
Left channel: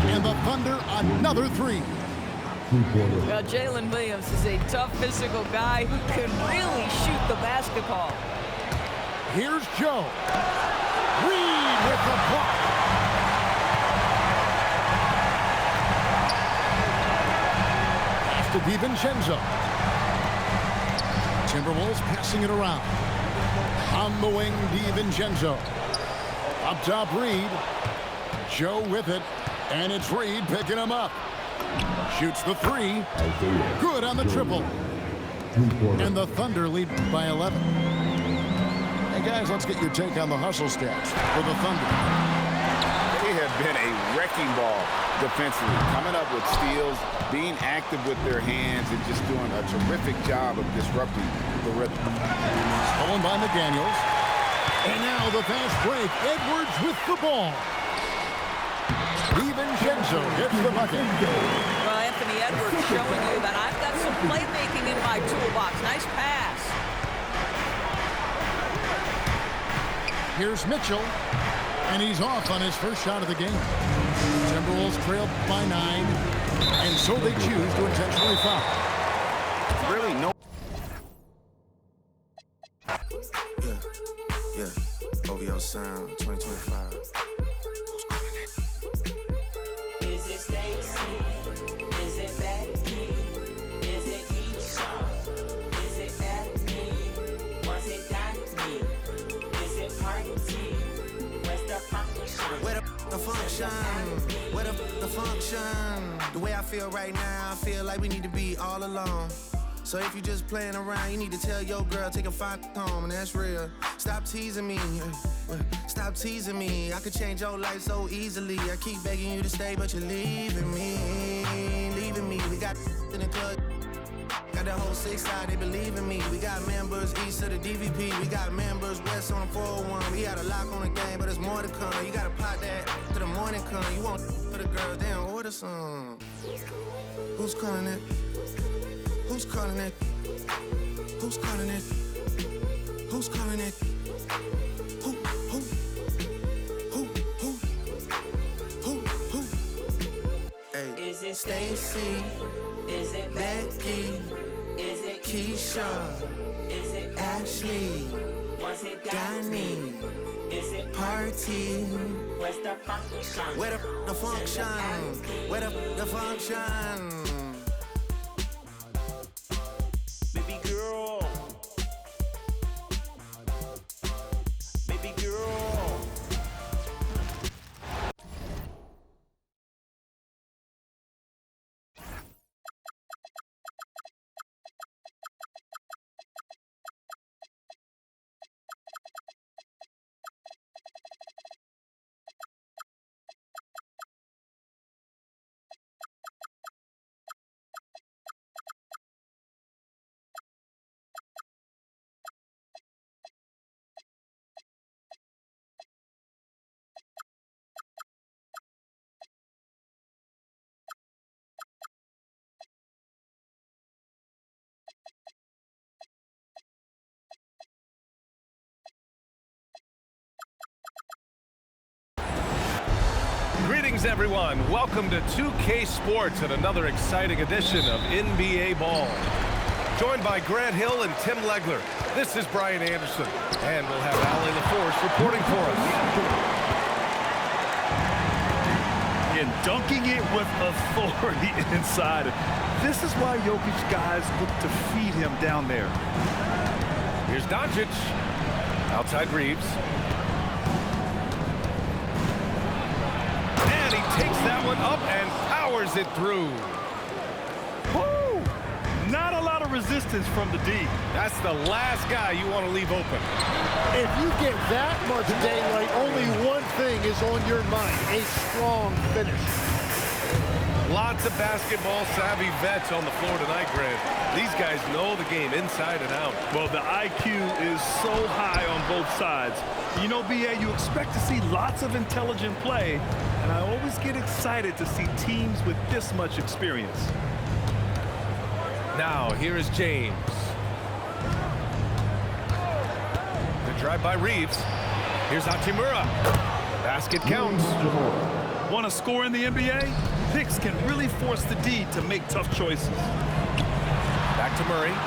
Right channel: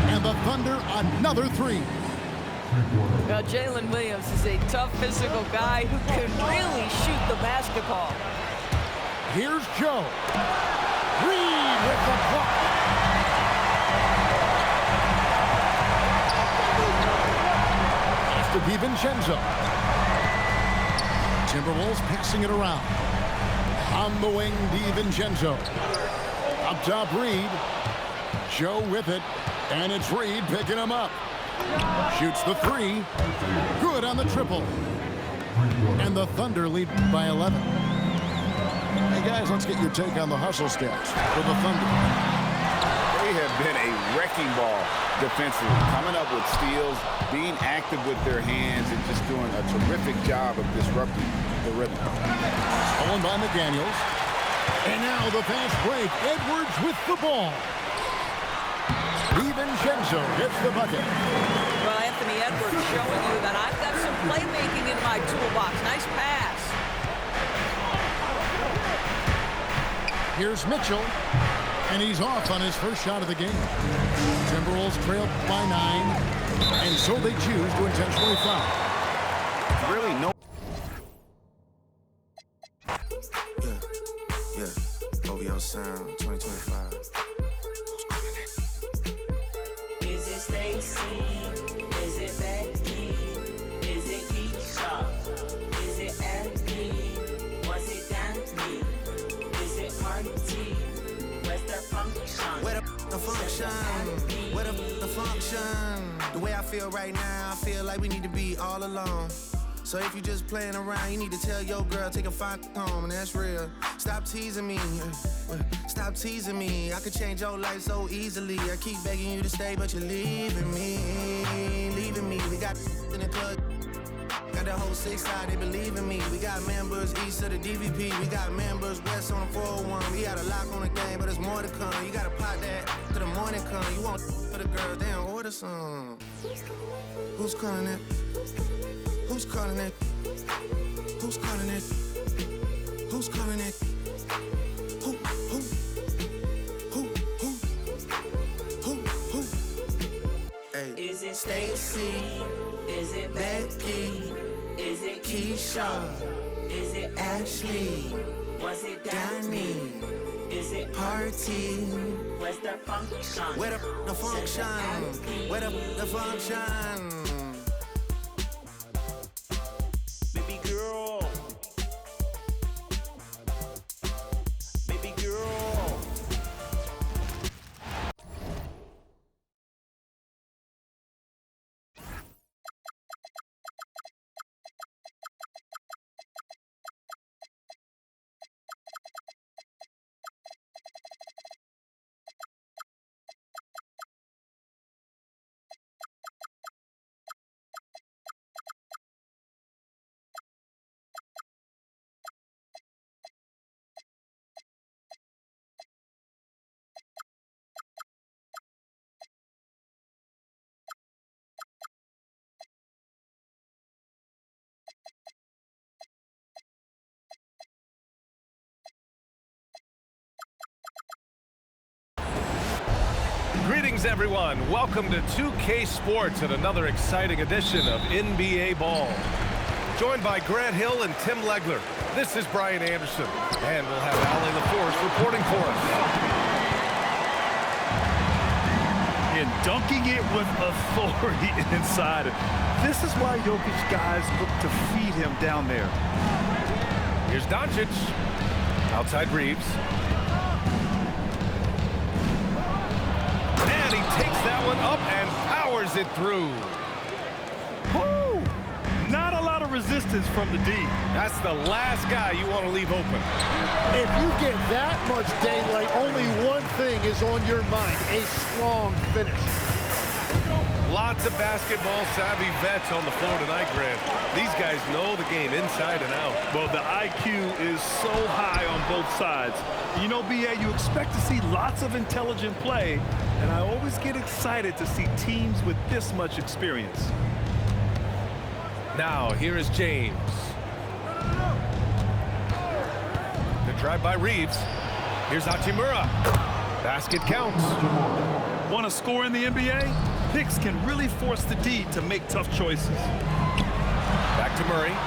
And the Thunder another 3. Well, Jalen Williams is a tough physical guy who can really shoot the basketball. Here's Joe. Reed with the block. Pass to DiVincenzo. Timberwolves passing it around. On the wing, DiVincenzo. Up top, Reed. Joe with it. And it's Reed picking him up. Shoots the 3. Good on the triple. And the Thunder lead by 11. Hey, guys, let's get your take on the hustle stats for the Thunder. They have been a wrecking ball defensively, coming up with steals, being active with their hands, and just doing a terrific job of disrupting the rhythm. Stolen by McDaniels. And now the fast break. Edwards with the ball. DiVincenzo hits the bucket. Well, Anthony Edwards showing you that I've got some playmaking in my toolbox. Nice pass. Here's Mitchell. And he's off on his first shot of the game. Timberwolves trail by 9. And so they choose to intentionally foul. Really no. Yeah. OVO Sound 2025. Is it Stacy? Is it Becky? Is it Keisha? Is it Abby? Was it Danny? Is it Party? Where's the function? Where the function? Where the function? The way I feel right now, I feel like we need to be all alone. So if you just playing around, you need to tell your girl, take a fine home, and that's real. Stop teasing me. Stop teasing me. I could change your life so easily. I keep begging you to stay, but you're leaving me. Leaving me. We got in the club. Got the whole 6 side, they believe in me. We got members east of the DVP. We got members west on the 401. We got a lock on the game, but there's more to come. You gotta pot that till the morning come. You want for the girls, they don't order some. Who's calling it? Who's calling it? Who's calling it? Who's calling it? Who? Hey. Is it Stacy? Is it Becky? Is it Keisha? Is it Ashley? Was it Danny? Is it Party? Where's the function? Where the function? Where the function? Baby girl. Baby girl. Greetings, everyone. Welcome to 2K Sports and another exciting edition of NBA Ball. Joined by Grant Hill and Tim Legler, this is Brian Anderson, and we'll have Allie LaForce reporting for us. And dunking it with authority inside. This is why Jokic guys look to feed him down there. Here's Doncic. Outside Reeves. And he takes that one up and powers it through. Woo! Not a lot of resistance. resistance from the D. That's the last guy you want to leave open. If you get that much daylight, only one thing is on your mind, a strong finish. Lots of basketball-savvy vets on the floor tonight, Grant. These guys know the game inside and out. Well, the IQ is so high on both sides. You know, BA, you expect to see lots of intelligent play, and I always get excited to see teams with this much experience. Now, here is James. The drive by Reeves. Here's Hachimura. Basket counts. Want to score in the NBA? Picks can really force the D to make tough choices. Back to Murray.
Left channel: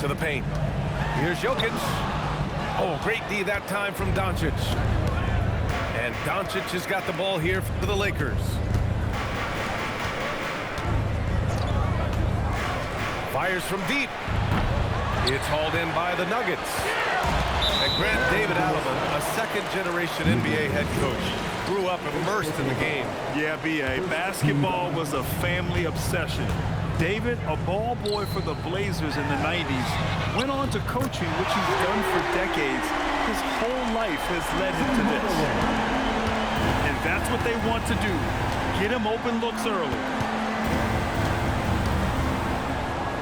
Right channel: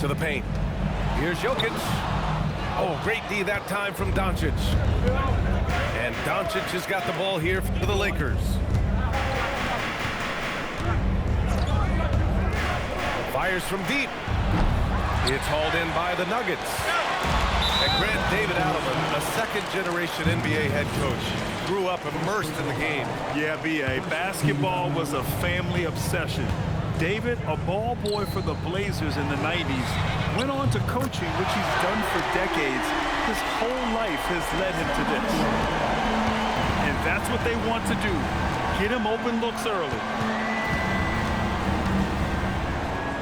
To the paint. Here's Jokic. Oh, great D that time from Doncic. And Doncic has got the ball here for the Lakers. Fires from deep. It's hauled in by the Nuggets. And Grant, David Alleman, a second-generation NBA head coach, grew up immersed in the game. Yeah, BA, basketball was a family obsession. David, a ball boy for the Blazers in the 90s, went on to coaching, which he's done for decades. His whole life has led him to this. And that's what they want to do, get him open looks early.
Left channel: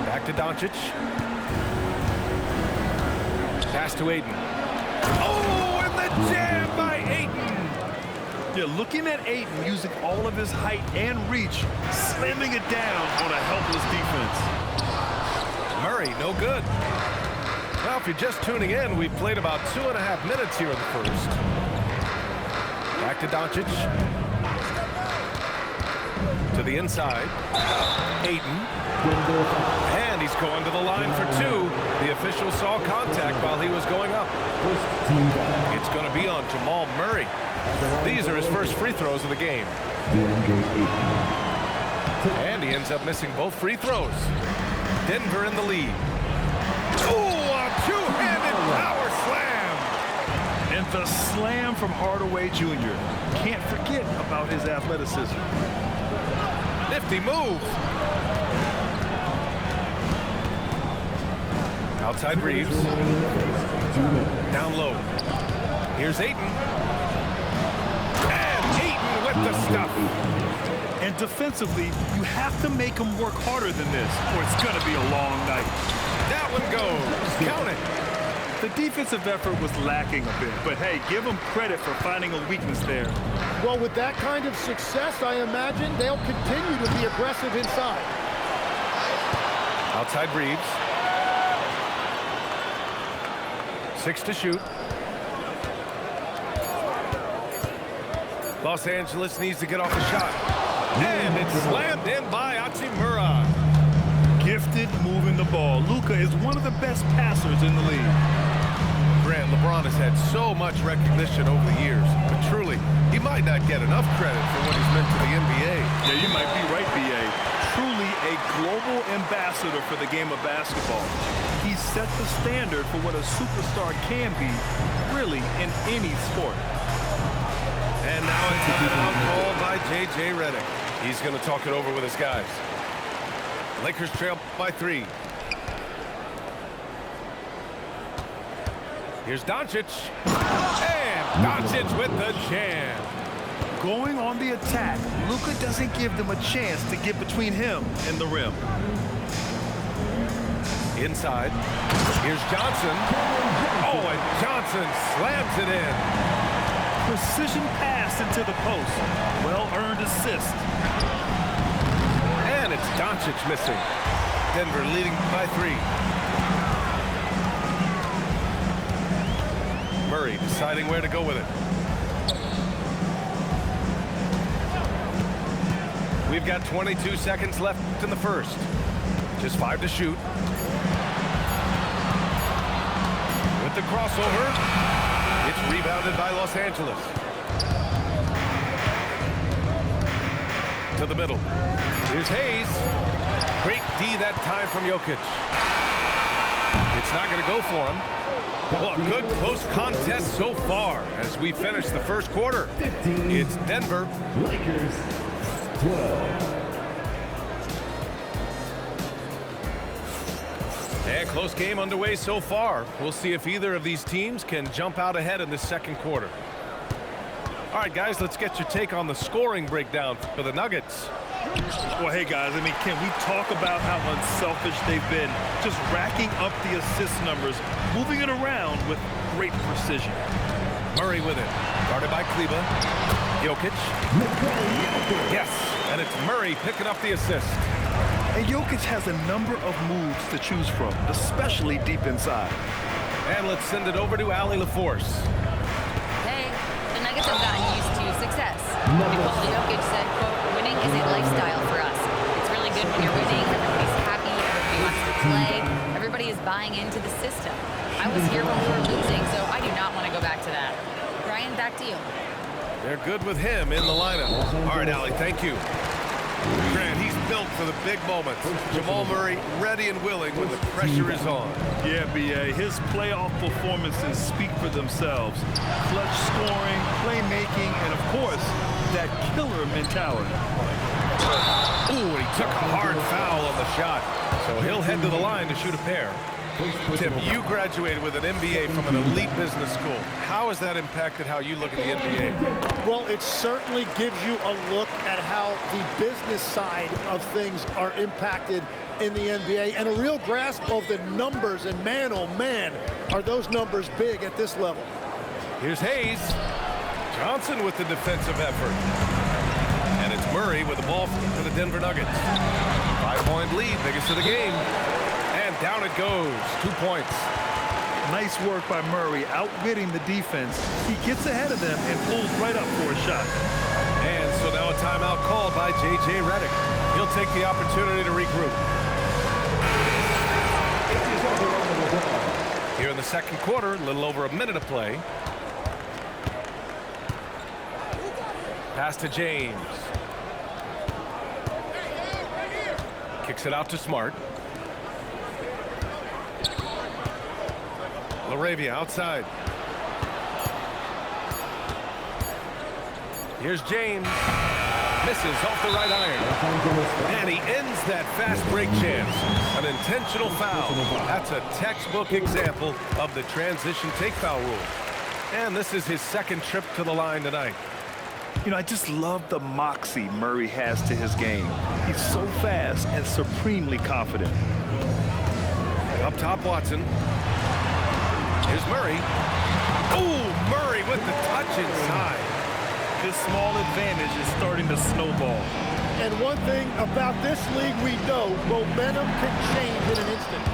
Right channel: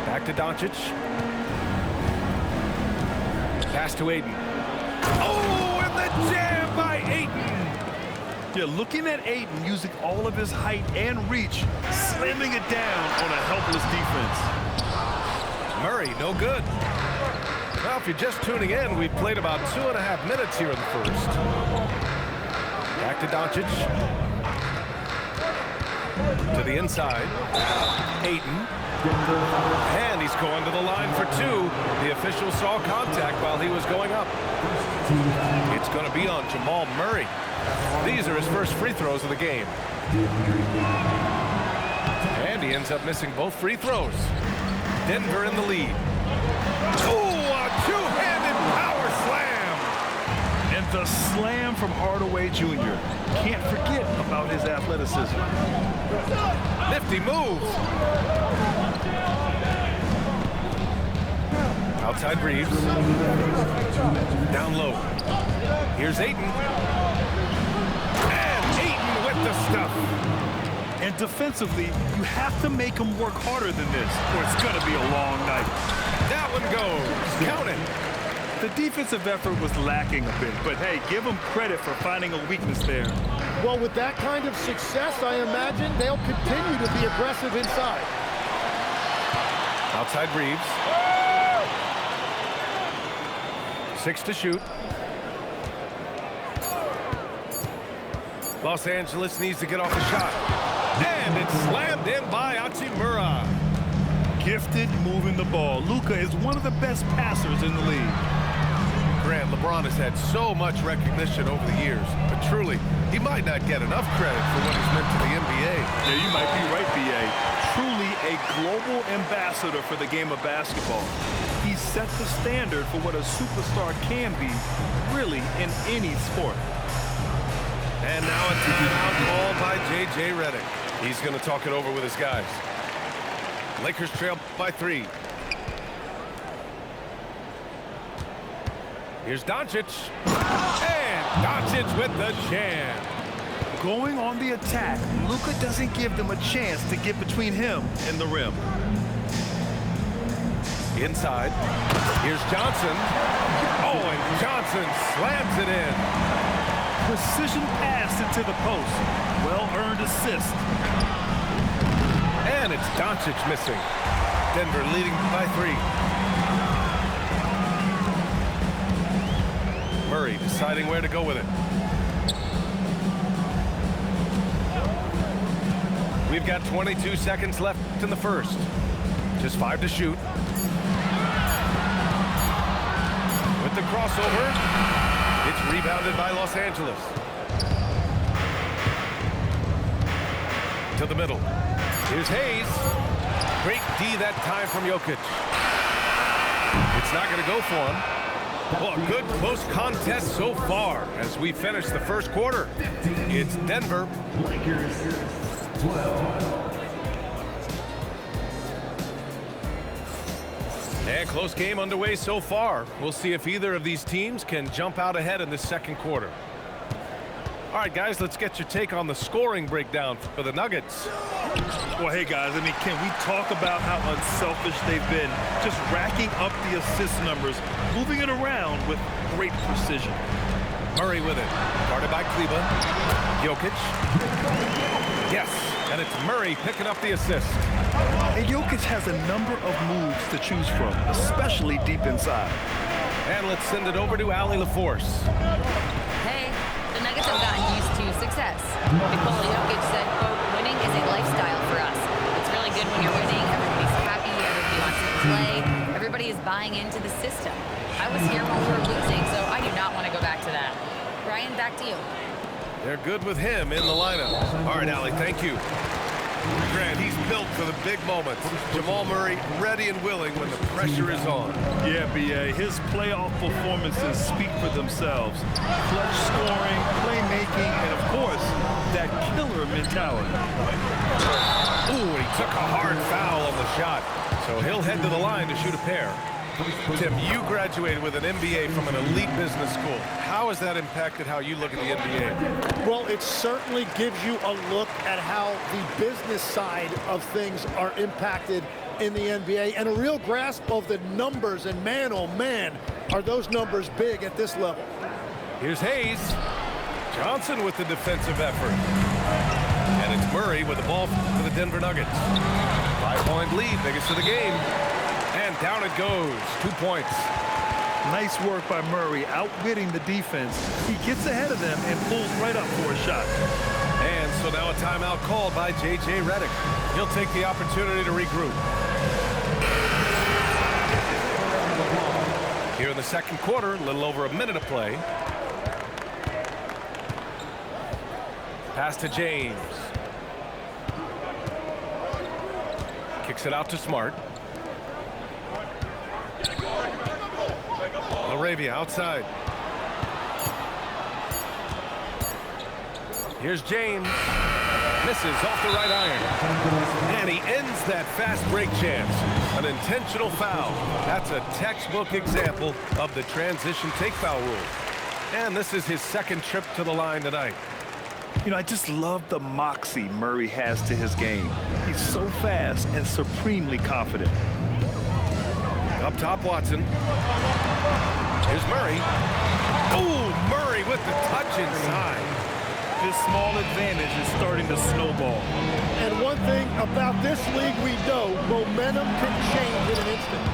Back to Doncic. Pass to Ayton. Oh, and the jam by Ayton. Yeah, looking at Ayton using all of his height and reach, slamming it down on a helpless defense. Murray, no good. Well, if you're just tuning in, we've played about 2.5 minutes here in the first. Back to Doncic. To the inside. Ayton. And he's going to the line for two. The official saw contact while he was going up. It's going to be on Jamal Murray. These are his first free throws of the game. And he ends up missing both free throws. Denver in the lead. Oh, a two-handed power slam. And the slam from Hardaway Jr. Can't forget about his athleticism. Nifty move. Outside Reeves. Down low. Here's Ayton. And Ayton with the stuff. And defensively, you have to make him work harder than this, or it's going to be a long night. That one goes. Count it. The defensive effort was lacking a bit, but hey, give them credit for finding a weakness there. Well, with that kind of success, I imagine they'll continue to be aggressive inside. Outside Reeves. 6 to shoot. Los Angeles needs to get off the shot. And it's slammed in by Hachimura. Gifted moving the ball. Luka is one of the best passers in the league. Grant, LeBron has had so much recognition over the years, but truly, he might not get enough credit for what he's meant to the NBA. Yeah, you might be right, B.A. Truly a global ambassador for the game of basketball. He set the standard for what a superstar can be, really, in any sport. And now a timeout called by J.J. Redick. He's going to talk it over with his guys. Lakers trail by 3. Here's Doncic. And Doncic with the jam. Going on the attack, Luka doesn't give them a chance to get between him and the rim. Inside. Here's Johnson. Oh, and Johnson slams it in. Precision pass into the post. Well-earned assist. And it's Doncic missing. Denver leading by 3. Murray deciding where to go with it. We've got 22 seconds left in the first. Just 5 to shoot. With the crossover, it's rebounded by Los Angeles. To the middle. Here's Hayes. Great D that time from Jokic. It's not going to go for him. Well, a good close contest so far as we finish the first quarter. It's Denver. Lakers 12. And close game underway so far. We'll see if either of these teams can jump out ahead in this second quarter. All right, guys, let's get your take on the scoring breakdown for the Nuggets. Well, hey, guys, I mean, can we talk about how unselfish they've been? Just racking up the assist numbers, moving it around with great precision. Murray with it. Guarded by Kleber. Jokic. Yes, and it's Murray picking up the assist. And Jokic has a number of moves to choose from, especially deep inside. And let's send it over to Allie LaForce. Hey, the Nuggets have gotten used to success. Nikola Jokic said, quote, winning is a lifestyle for us. It's really good when you're winning. Everybody's happy. Everybody wants to play. Everybody is buying into the system. I was here when we were losing, so I do not want to go back to that. Ryan, back to you. They're good with him in the lineup. All right, Allie, thank you. Grant, he's built for the big moments. Jamal Murray ready and willing when the pressure is on. Yeah, B.A., his playoff performances speak for themselves. Clutch scoring, playmaking, and, of course, that killer mentality. Ooh, and he took a hard foul on the shot. So he'll head to the line to shoot a pair. Tim, you graduated with an MBA from an elite business school. How has that impacted how you look at the NBA? Well, it certainly gives you a look at how the business side of things are impacted in the NBA and a real grasp of the numbers. And man, oh man, are those numbers big at this level. Here's Hayes. Johnson with the defensive effort. And it's Murray with the ball for the Denver Nuggets. 5-point lead, biggest of the game. And down it goes, 2 points. Nice work by Murray, outwitting the defense. He gets ahead of them and pulls right up for a shot. And so now a timeout called by J.J. Redick. He'll take the opportunity to regroup. Here in the second quarter, a little over a minute of play. Pass to James. Kicks it out to Smart. LaRavia outside. Here's James. Misses off the right iron. And he ends that fast break chance. An intentional foul. That's a textbook example of the transition take foul rule. And this is his second trip to the line tonight. You know, I just love the moxie Murray has to his game. He's so fast and supremely confident. Up top, Watson. Here's Murray. Oh, Murray with the touch inside. His small advantage is starting to snowball. And one thing about this league we know, momentum can change in an instant.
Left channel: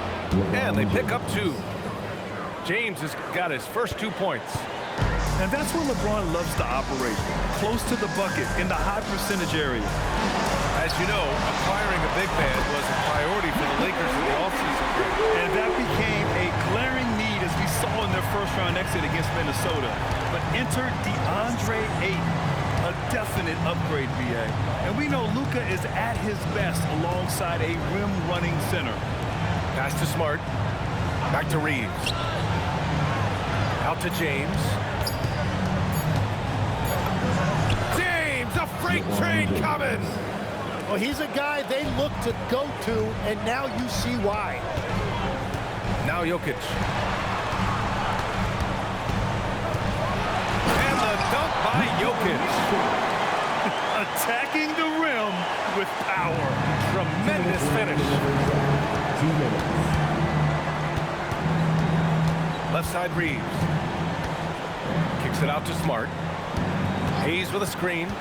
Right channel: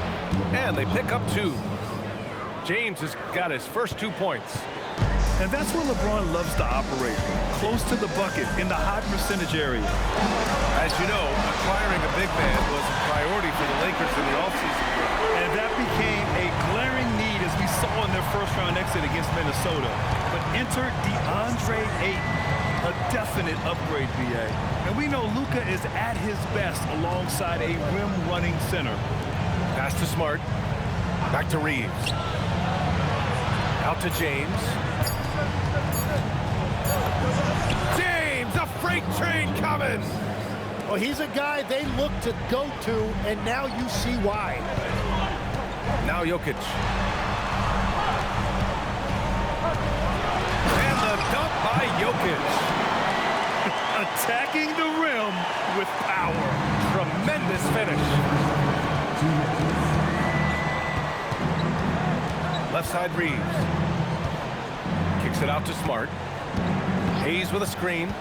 And they pick up 2. James has got his first 2 points. And that's where LeBron loves to operate, close to the bucket in the high percentage area. As you know, acquiring a big man was a priority for the Lakers in the offseason. And that became a glaring need as we saw in their first-round exit against Minnesota. But enter DeAndre Ayton, a definite upgrade, B.A. And we know Luka is at his best alongside a rim-running center. Pass to Smart. Back to Reeves. Out to James. James, a freight train coming! Well, he's a guy they look to go to, and now you see why. Now Jokic. And the dunk by Jokic. Attacking the rim with power. Tremendous finish. Left side Reeves. Kicks it out to Smart. Hayes with a screen.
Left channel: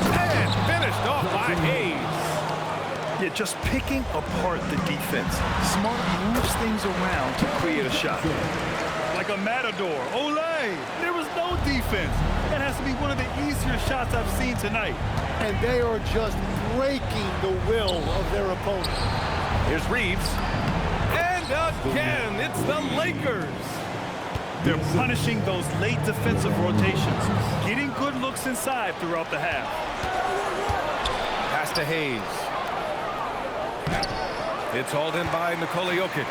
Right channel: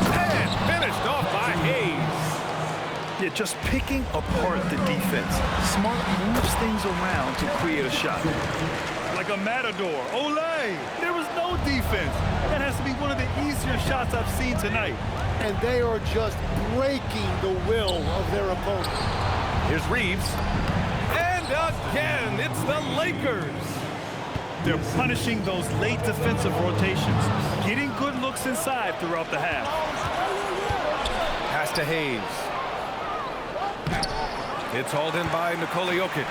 And finished off by Hayes. Yeah, just picking apart the defense. Smart moves things around to create a shot. Like a matador. Olay! There was no defense. That has to be one of the easier shots I've seen tonight. And they are just breaking the will of their opponent. Here's Reeves. And again, it's the Lakers. They're punishing those late defensive rotations, getting good looks inside throughout the half. Pass to Hayes. It's hauled in by Nikola Jokic.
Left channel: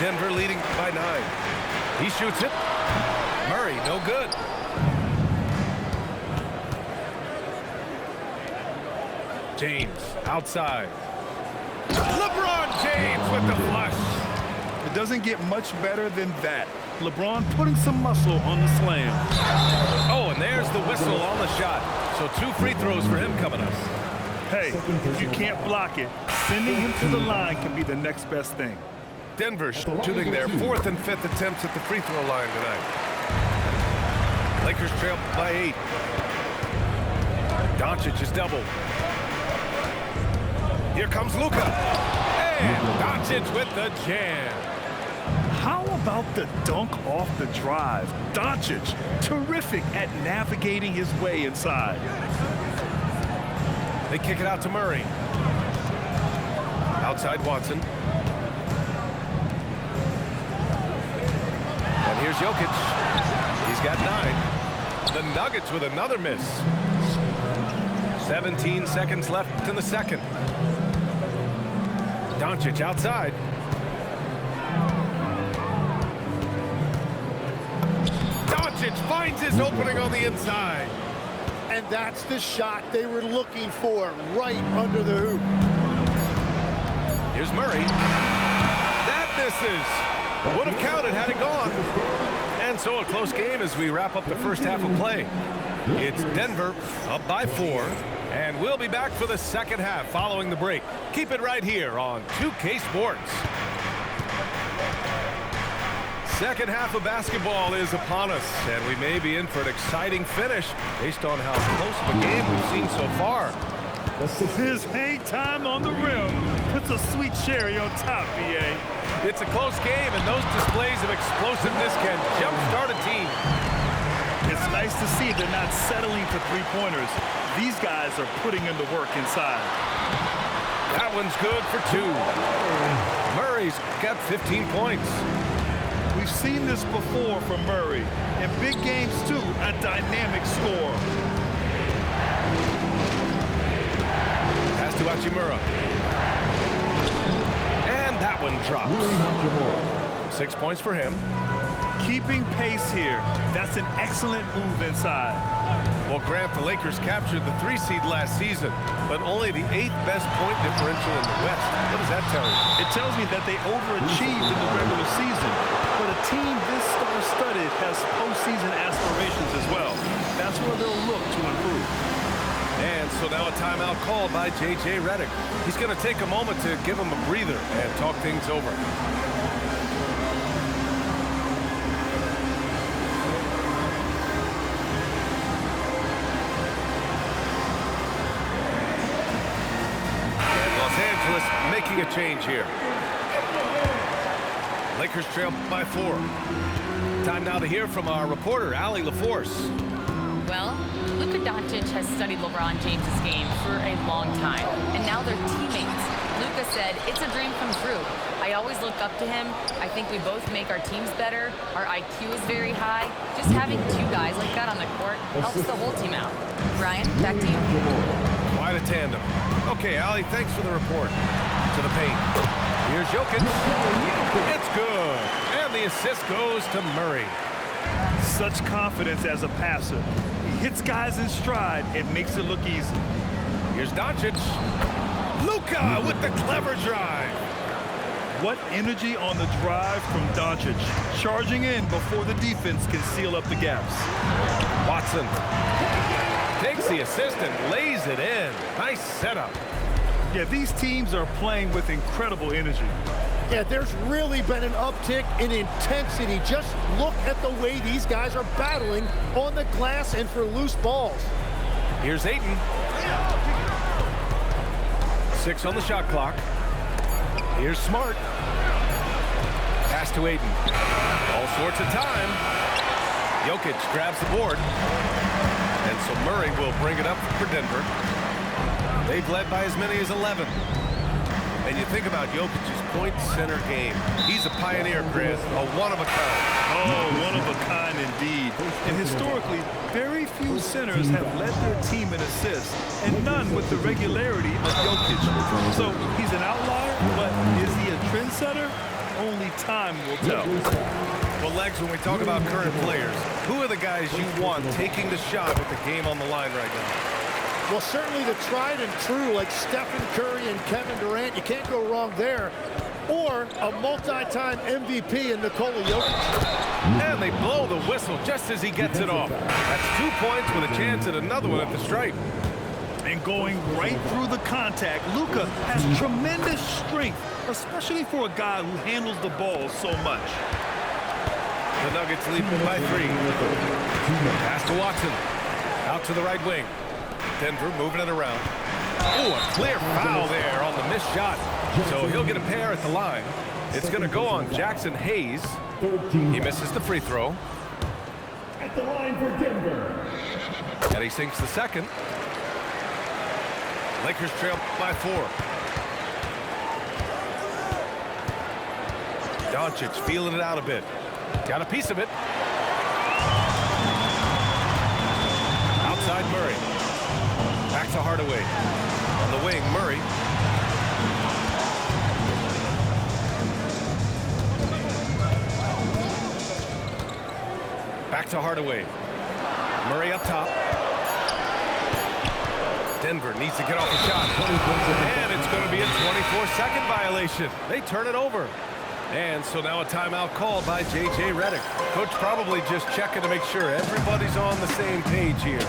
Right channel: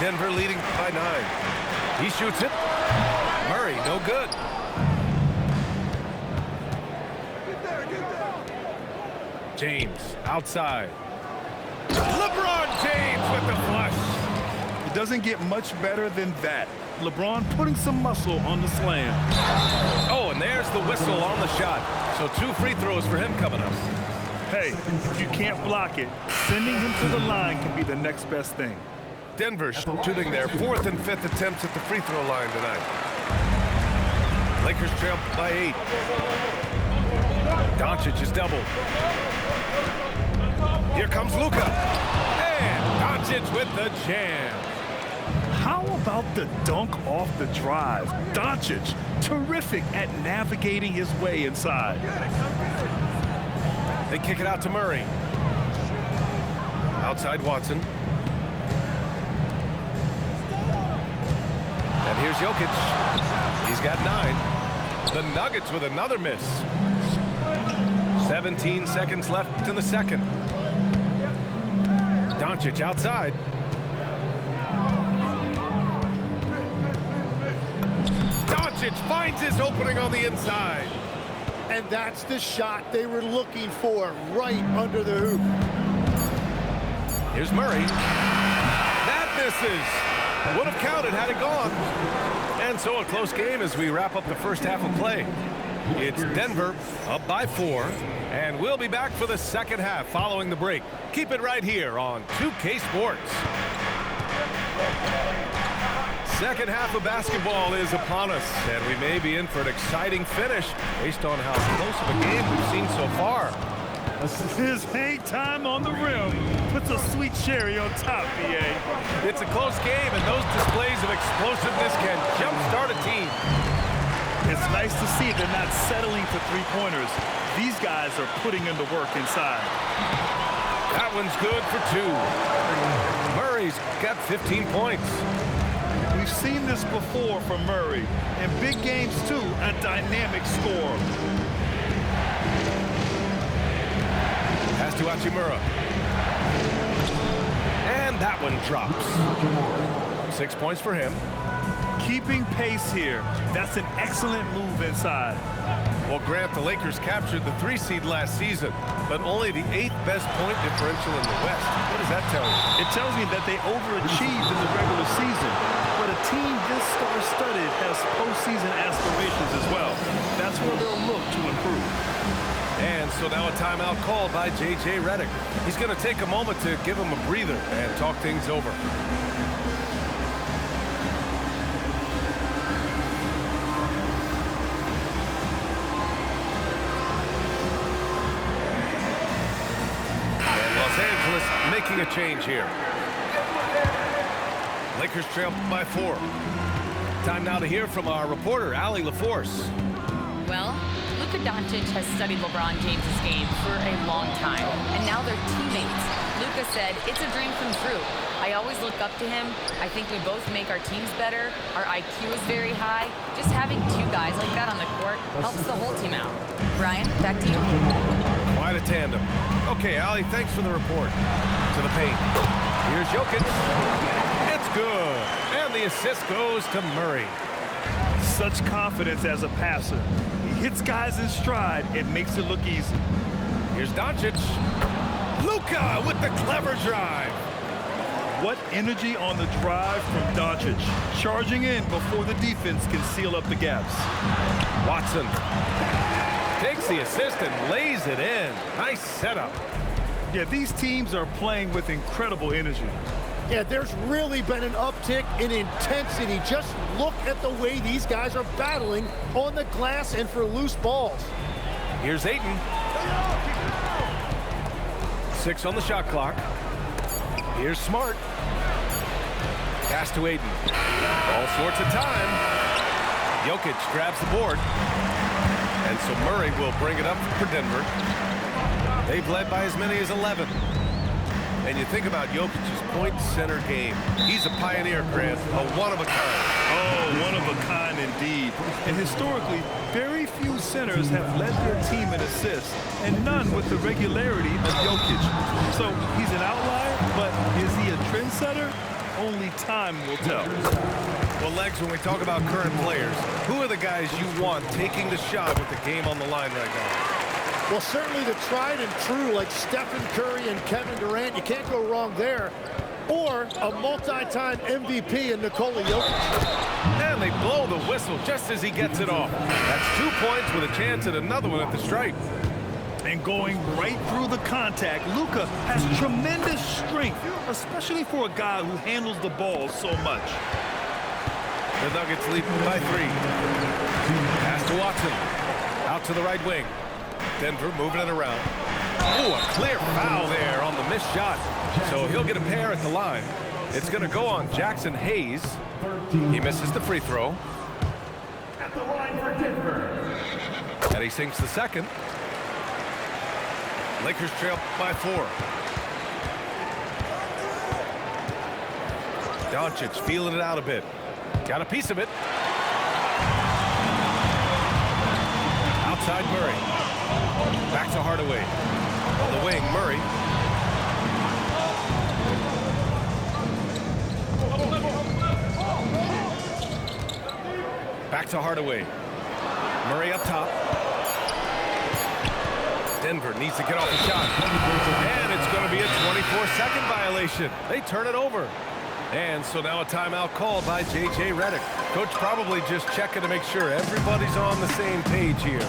Denver leading by 9. He shoots it. Murray, no good. James outside. LeBron James with the flush. It doesn't get much better than that. LeBron putting some muscle on the slam. Oh, and there's the whistle on the shot. So 2 free throws for him coming up. Hey, if you can't block it, sending him to the line can be the next best thing. Denver shooting their 4th and 5th attempts at the free throw line tonight. Lakers trail by 8. Doncic is doubled. Here comes Luka. And Doncic with the jam. How about the dunk off the drive? Doncic, terrific at navigating his way inside. They kick it out to Murray. Outside Watson. And here's Jokic. He's got 9. The Nuggets with another miss. 17 seconds left in the second. Doncic outside. Doncic finds his opening on the inside. And that's the shot they were looking for, right under the hoop. Here's Murray. That misses. Would have counted had it gone. And so a close game as we wrap up the first half of play. It's Denver up by 4. And we'll be back for the second half following the break. Keep it right here on 2K Sports. Second half of basketball is upon us, and we may be in for an exciting finish based on how close of a game we've seen so far. His hang time on the rim puts a sweet cherry on top, B.A. It's a close game, and those displays of explosiveness can jumpstart a team. It's nice to see they're not settling for three-pointers. These guys are putting in the work inside. That one's good for 2. Murray's got 15 points. We've seen this before from Murray. In big games, too, a dynamic score. Pass to Hachimura. And that one drops. 6 points for him. Keeping pace here. That's an excellent move inside. Well, Grant, the Lakers captured the 3 seed last season, but only the 8th best point differential in the West. What does that tell you? It tells me that they overachieved in the regular season. But a team this star-studded has postseason aspirations as well. That's where they'll look to improve. And so now a timeout called by J.J. Redick. He's going to take a moment to give him a breather and talk things over. And Los Angeles making a change here. Lakers trail by 4. Time now to hear from our reporter, Allie LaForce. Well, Luka Doncic has studied LeBron James' game for a long time, and now they're teammates. Luka said, "It's a dream come true. I always look up to him. I think we both make our teams better. Our IQ is very high. Just having 2 guys like that on the court helps the whole team out." Brian, back to you. Quite a tandem. Okay, Allie, thanks for the report. To the paint. Here's Jokic. It's good. And the assist goes to Murray. Such confidence as a passer. He hits guys in stride. It makes it look easy. Here's Doncic. Luka with the clever drive. What energy on the drive from Doncic. Charging in before the defense can seal up the gaps. Watson takes the assist and lays it in. Nice setup. Yeah, these teams are playing with incredible energy. Yeah, there's really been an uptick in intensity. Just look at the way these guys are battling on the glass and for loose balls. Here's Ayton. 6 on the shot clock. Here's Smart. Pass to Ayton. All sorts of time. Jokic grabs the board. And so Murray will bring it up for Denver. They've led by as many as 11. And you think about Jokic's point center game. He's a pioneer, Grant, a one-of-a-kind. Oh, one of a kind indeed. And historically, very few centers have led their team in assists, and none with the regularity of Jokic. So he's an outlier, but is he a trendsetter? Only time will tell. Well, Legs, when we talk about current players, who are the guys you want taking the shot with the game on the line right now? Well, certainly the tried and true, like Stephen Curry and Kevin Durant, you can't go wrong there. Or a multi-time MVP in Nikola Jokic. And they blow the whistle just as he gets it off. That's 2 points with a chance at another one at the stripe. And going right through the contact, Luka has tremendous strength, especially for a guy who handles the ball so much. The Nuggets lead by 3. Pass to Watson. Out to the right wing. Denver moving it around. Oh, a clear foul there on the missed shot. So he'll get a pair at the line. It's going to go on Jackson Hayes. He misses the free throw. At the line for Denver. And he sinks the second. Lakers trail by 4. Doncic feeling it out a bit. Got a piece of it. Outside Murray. Back to Hardaway. On the wing, Murray. Back to Hardaway. Murray up top. Denver needs to get off the shot. And it's going to be a 24-second violation. They turn it over. And so now a timeout called by J.J. Redick. Coach probably just checking to make sure everybody's on the same page here.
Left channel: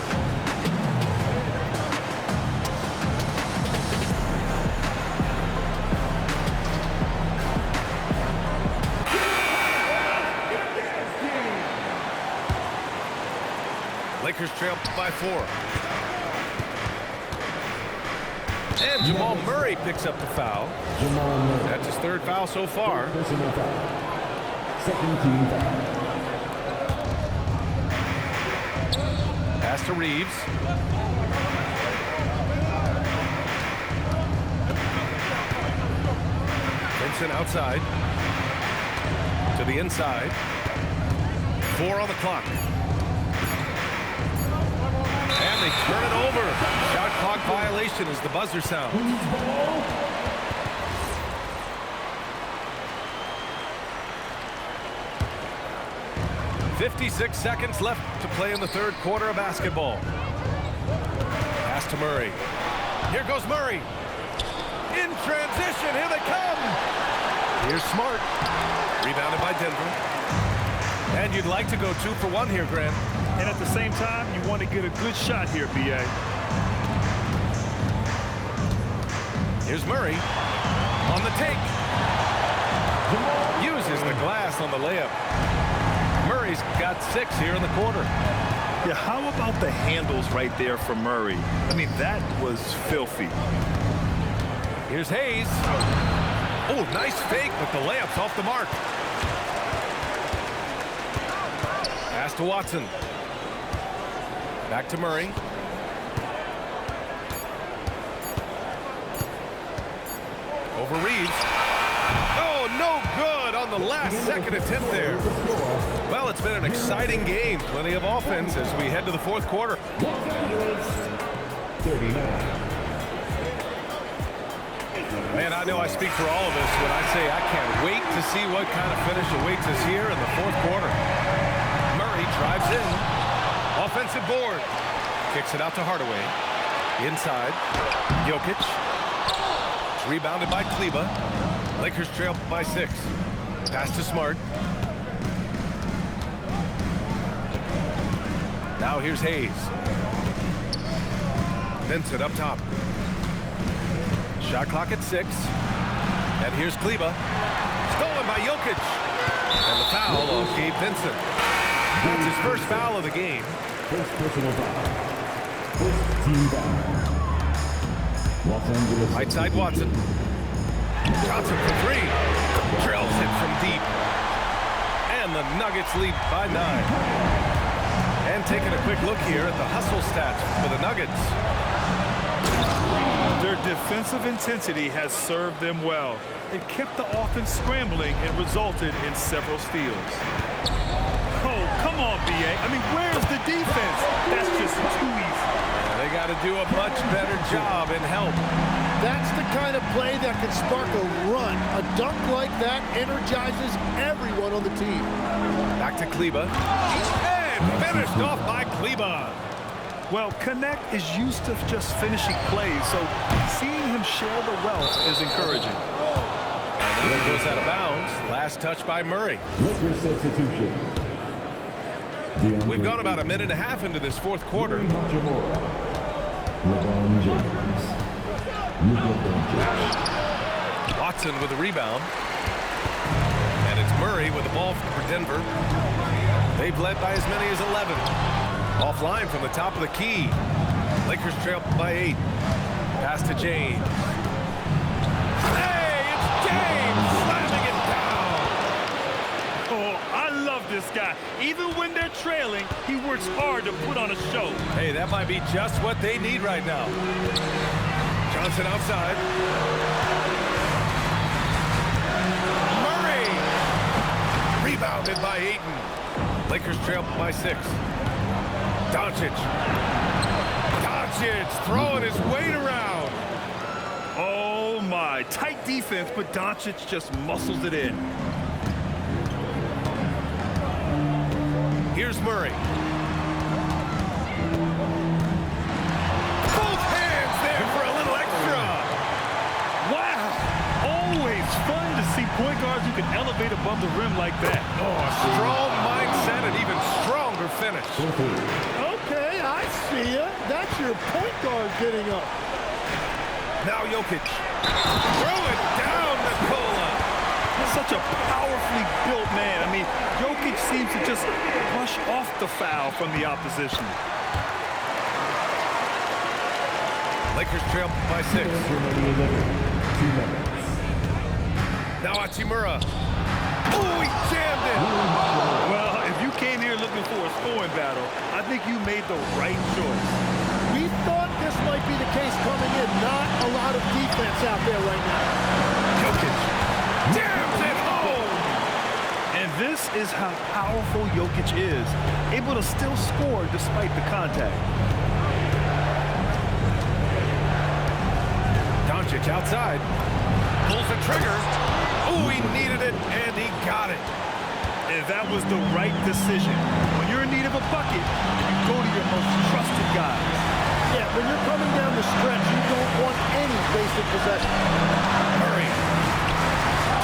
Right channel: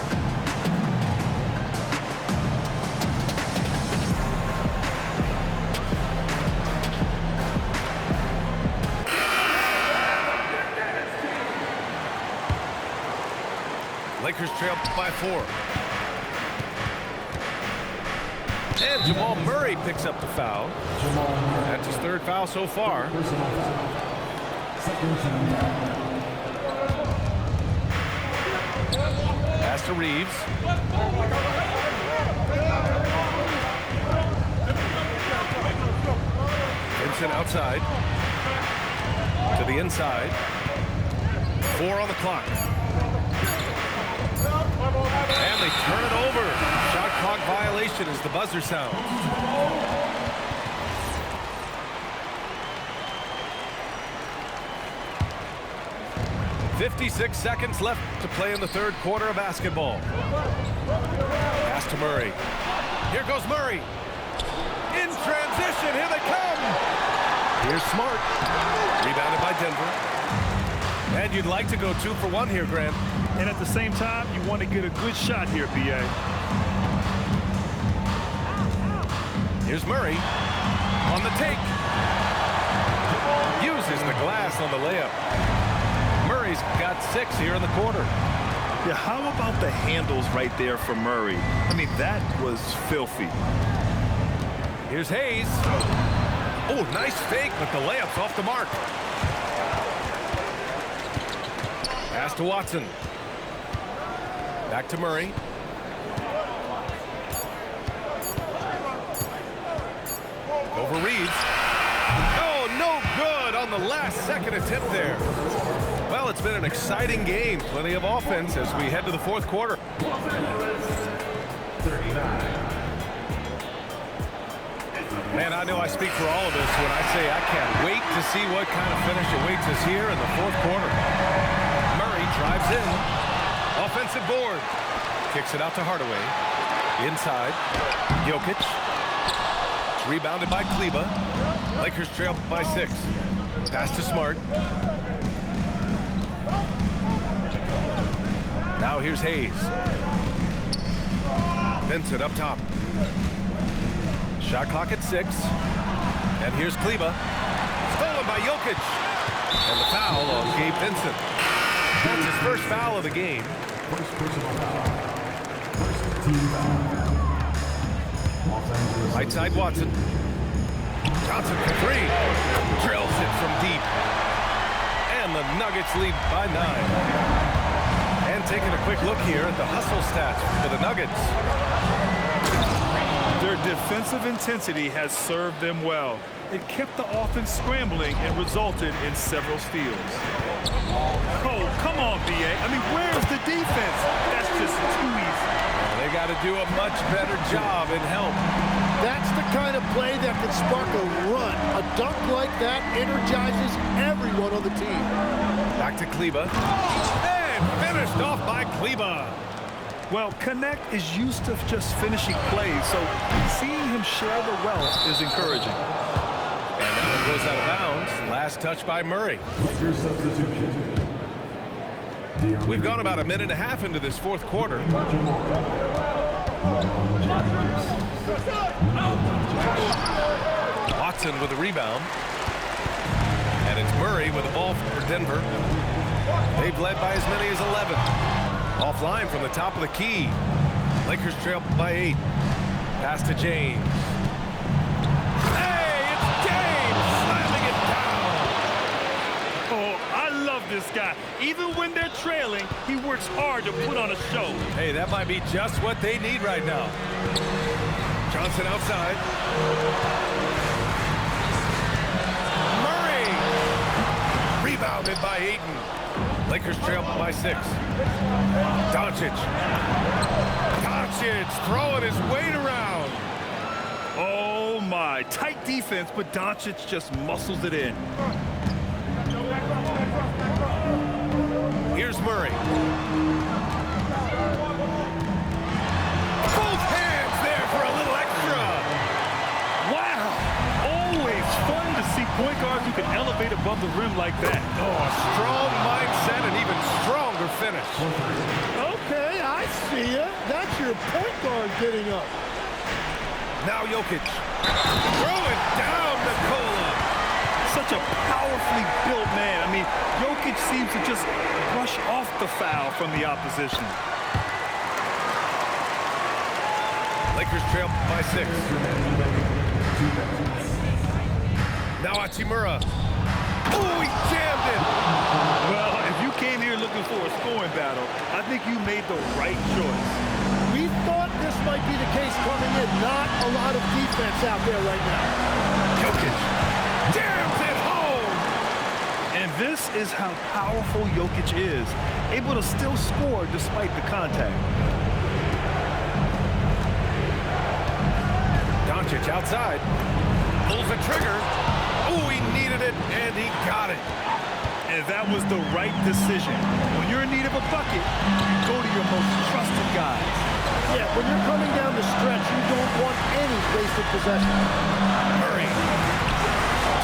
Lakers trail by 4. And Jamal Murray picks up the foul. That's his 3rd foul so far. Second team foul. Pass to Reeves. Vincent outside. To the inside. 4 on the clock. And they turn it over. Shot clock violation as the buzzer sounds. "56 seconds left to play in the 3rd quarter of basketball." Pass to Murray. Here goes Murray. In transition, here they come. Here's Smart. Rebounded by Denver. And you'd like to go 2 for 1 here, Grant. And at the same time, you want to get a good shot here, B.A. Here's Murray on the take. Uses the glass on the layup. Murray's got 6 here in the quarter. Yeah, how about the handles right there for Murray? I mean, that was filthy. Here's Hayes. Oh, nice fake, but the layup's off the mark. Pass to Watson. Back to Murray. Over Reeves. Oh, no good on the last second attempt there. Well, it's been an exciting game. Plenty of offense as we head to the 4th quarter. 39. Man, I know I speak for all of us when I say I can't wait to see what kind of finish awaits us here in the 4th quarter. Murray drives in. Offensive board. Kicks it out to Hardaway. Inside. Jokic. It's rebounded by Kleber. Lakers trail by 6. Pass to Smart. Now here's Hayes. Vincent up top. Shot clock at 6. And here's Kleber. Stolen by Jokic. And the foul on Gabe Vincent. That's his 1st foul of the game. First personal foul. First team foul. Los Angeles. Right side Watson. Johnson for 3. Drills it from deep. And the Nuggets lead by 9. And taking a quick look here at the hustle stats for the Nuggets. Their defensive intensity has served them well. It kept the offense scrambling and resulted in several steals. Oh, come on, B.A. I mean, where's the defense? That's just too easy. Yeah, they got to do a much better job in help. That's the kind of play that can spark a run. A dunk like that energizes everyone on the team. Back to Kleber. And finished off by Kleber. Well, Connect is used to just finishing plays, so seeing him share the wealth is encouraging. And that one goes out of bounds. Last touch by Murray. Lakers substitution. We've gone about a minute and a half into this fourth quarter. Watson with the rebound. And it's Murray with the ball for Denver. They've led by as many as 11. Offline from the top of the key. Lakers trail by 8. Pass to James. Hey, it's James slamming it down. Oh, I love this guy. Even when they're trailing, he works hard to put on a show. Hey, that might be just what they need right now. Johnson outside. Murray. Rebounded by Ayton. Lakers trail by 6. Doncic throwing his weight around. Oh, my. Tight defense, but Doncic just muscles it in. Here's Murray. Both hands there for a little extra. Wow. Always fun to see point guards who can elevate above the rim like that. Oh, a strong mindset and even stronger finish. Okay, I see ya. That's your point guard getting up. Now Jokic. Throw it down, Nikola. Such a powerfully built man. I mean, Jokic seems to just brush off the foul from the opposition. Lakers trail by 6. Now Hachimura. Oh, he jammed it. Well, if you came here looking for a scoring battle, I think you made the right choice. We thought this might be the case coming in. Not a lot of defense out there right now. Jokic jams it home. And this is how powerful Jokic is, able to still score despite the contact. Doncic outside. Pulls the trigger. Oh, he needed it, and he got it. And that was the right decision. When you're in need of a bucket, you go to your most trusted guys. Yeah, when you're coming down the stretch, you don't want any wasted possession. Murray.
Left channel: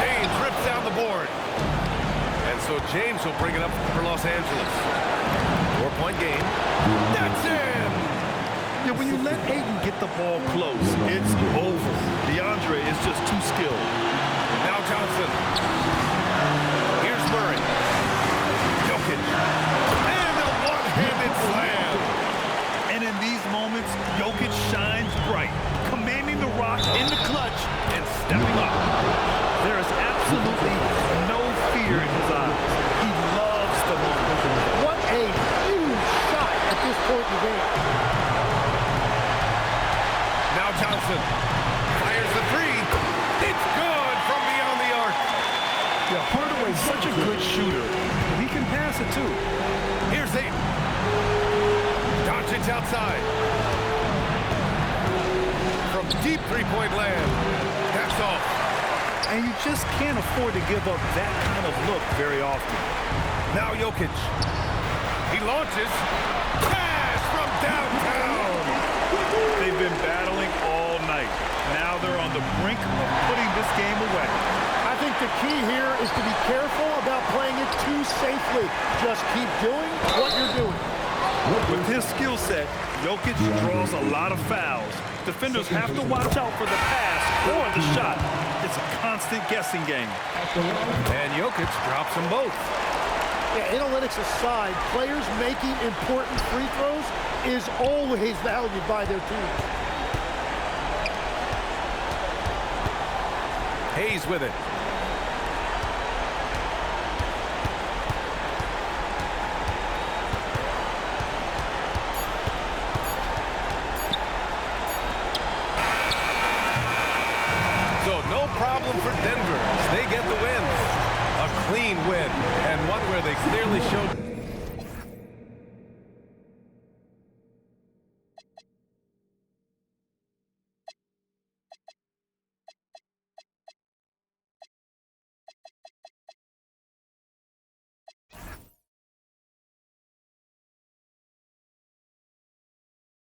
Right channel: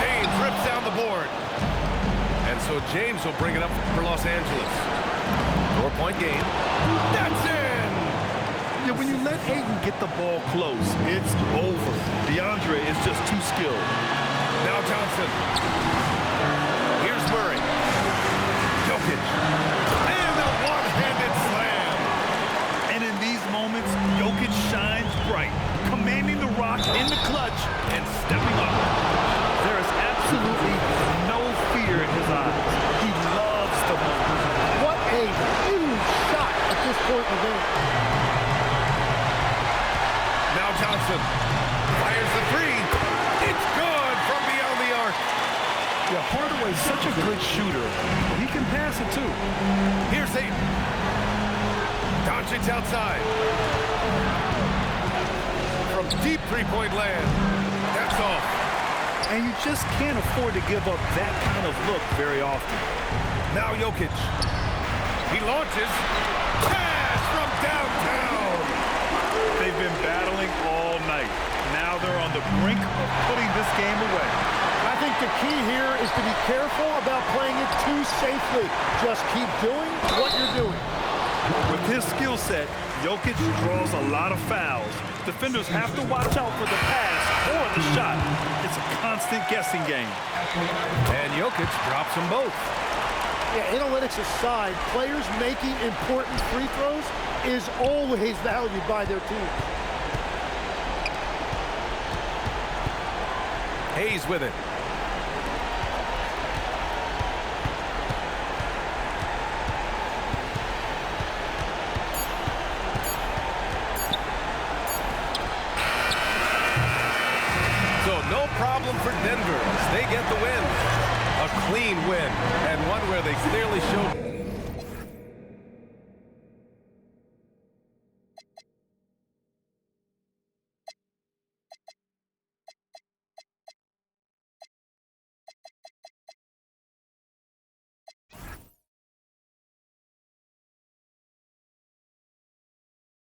James rips down the board. And so James will bring it up for Los Angeles. 4-point game. That's in! Yeah, when you let Ayton get the ball close, it's over. DeAndre is just too skilled. Now Johnson. Here's Murray. Jokic. And a one-handed slam. And in these moments, Jokic shines bright, commanding the rock in the clutch and stepping up. There is absolutely no fear in his eyes. He loves the moment. What a huge shot at this point in the game. Now Johnson fires the 3. It's good from beyond the arc. Yeah, Hardaway's such a good shooter, but he can pass it too. Here's Ayton. Doncic outside. From deep three-point land. That's off. And you just can't afford to give up that kind of look very often. Now Jokic. He launches. Pass from downtown. They've been battling all night. Now they're on the brink of putting this game away. I think the key here is to be careful about playing it too safely. Just keep doing what you're doing. With his skill set, Jokic draws a lot of fouls. Defenders have to watch out for the pass or the shot. It's a constant guessing game. And Jokic drops them both. Yeah, analytics aside, players making important free throws is always valued by their team. Hayes with it. So no problem for Denver as they get the win. A clean win, and one where they clearly showed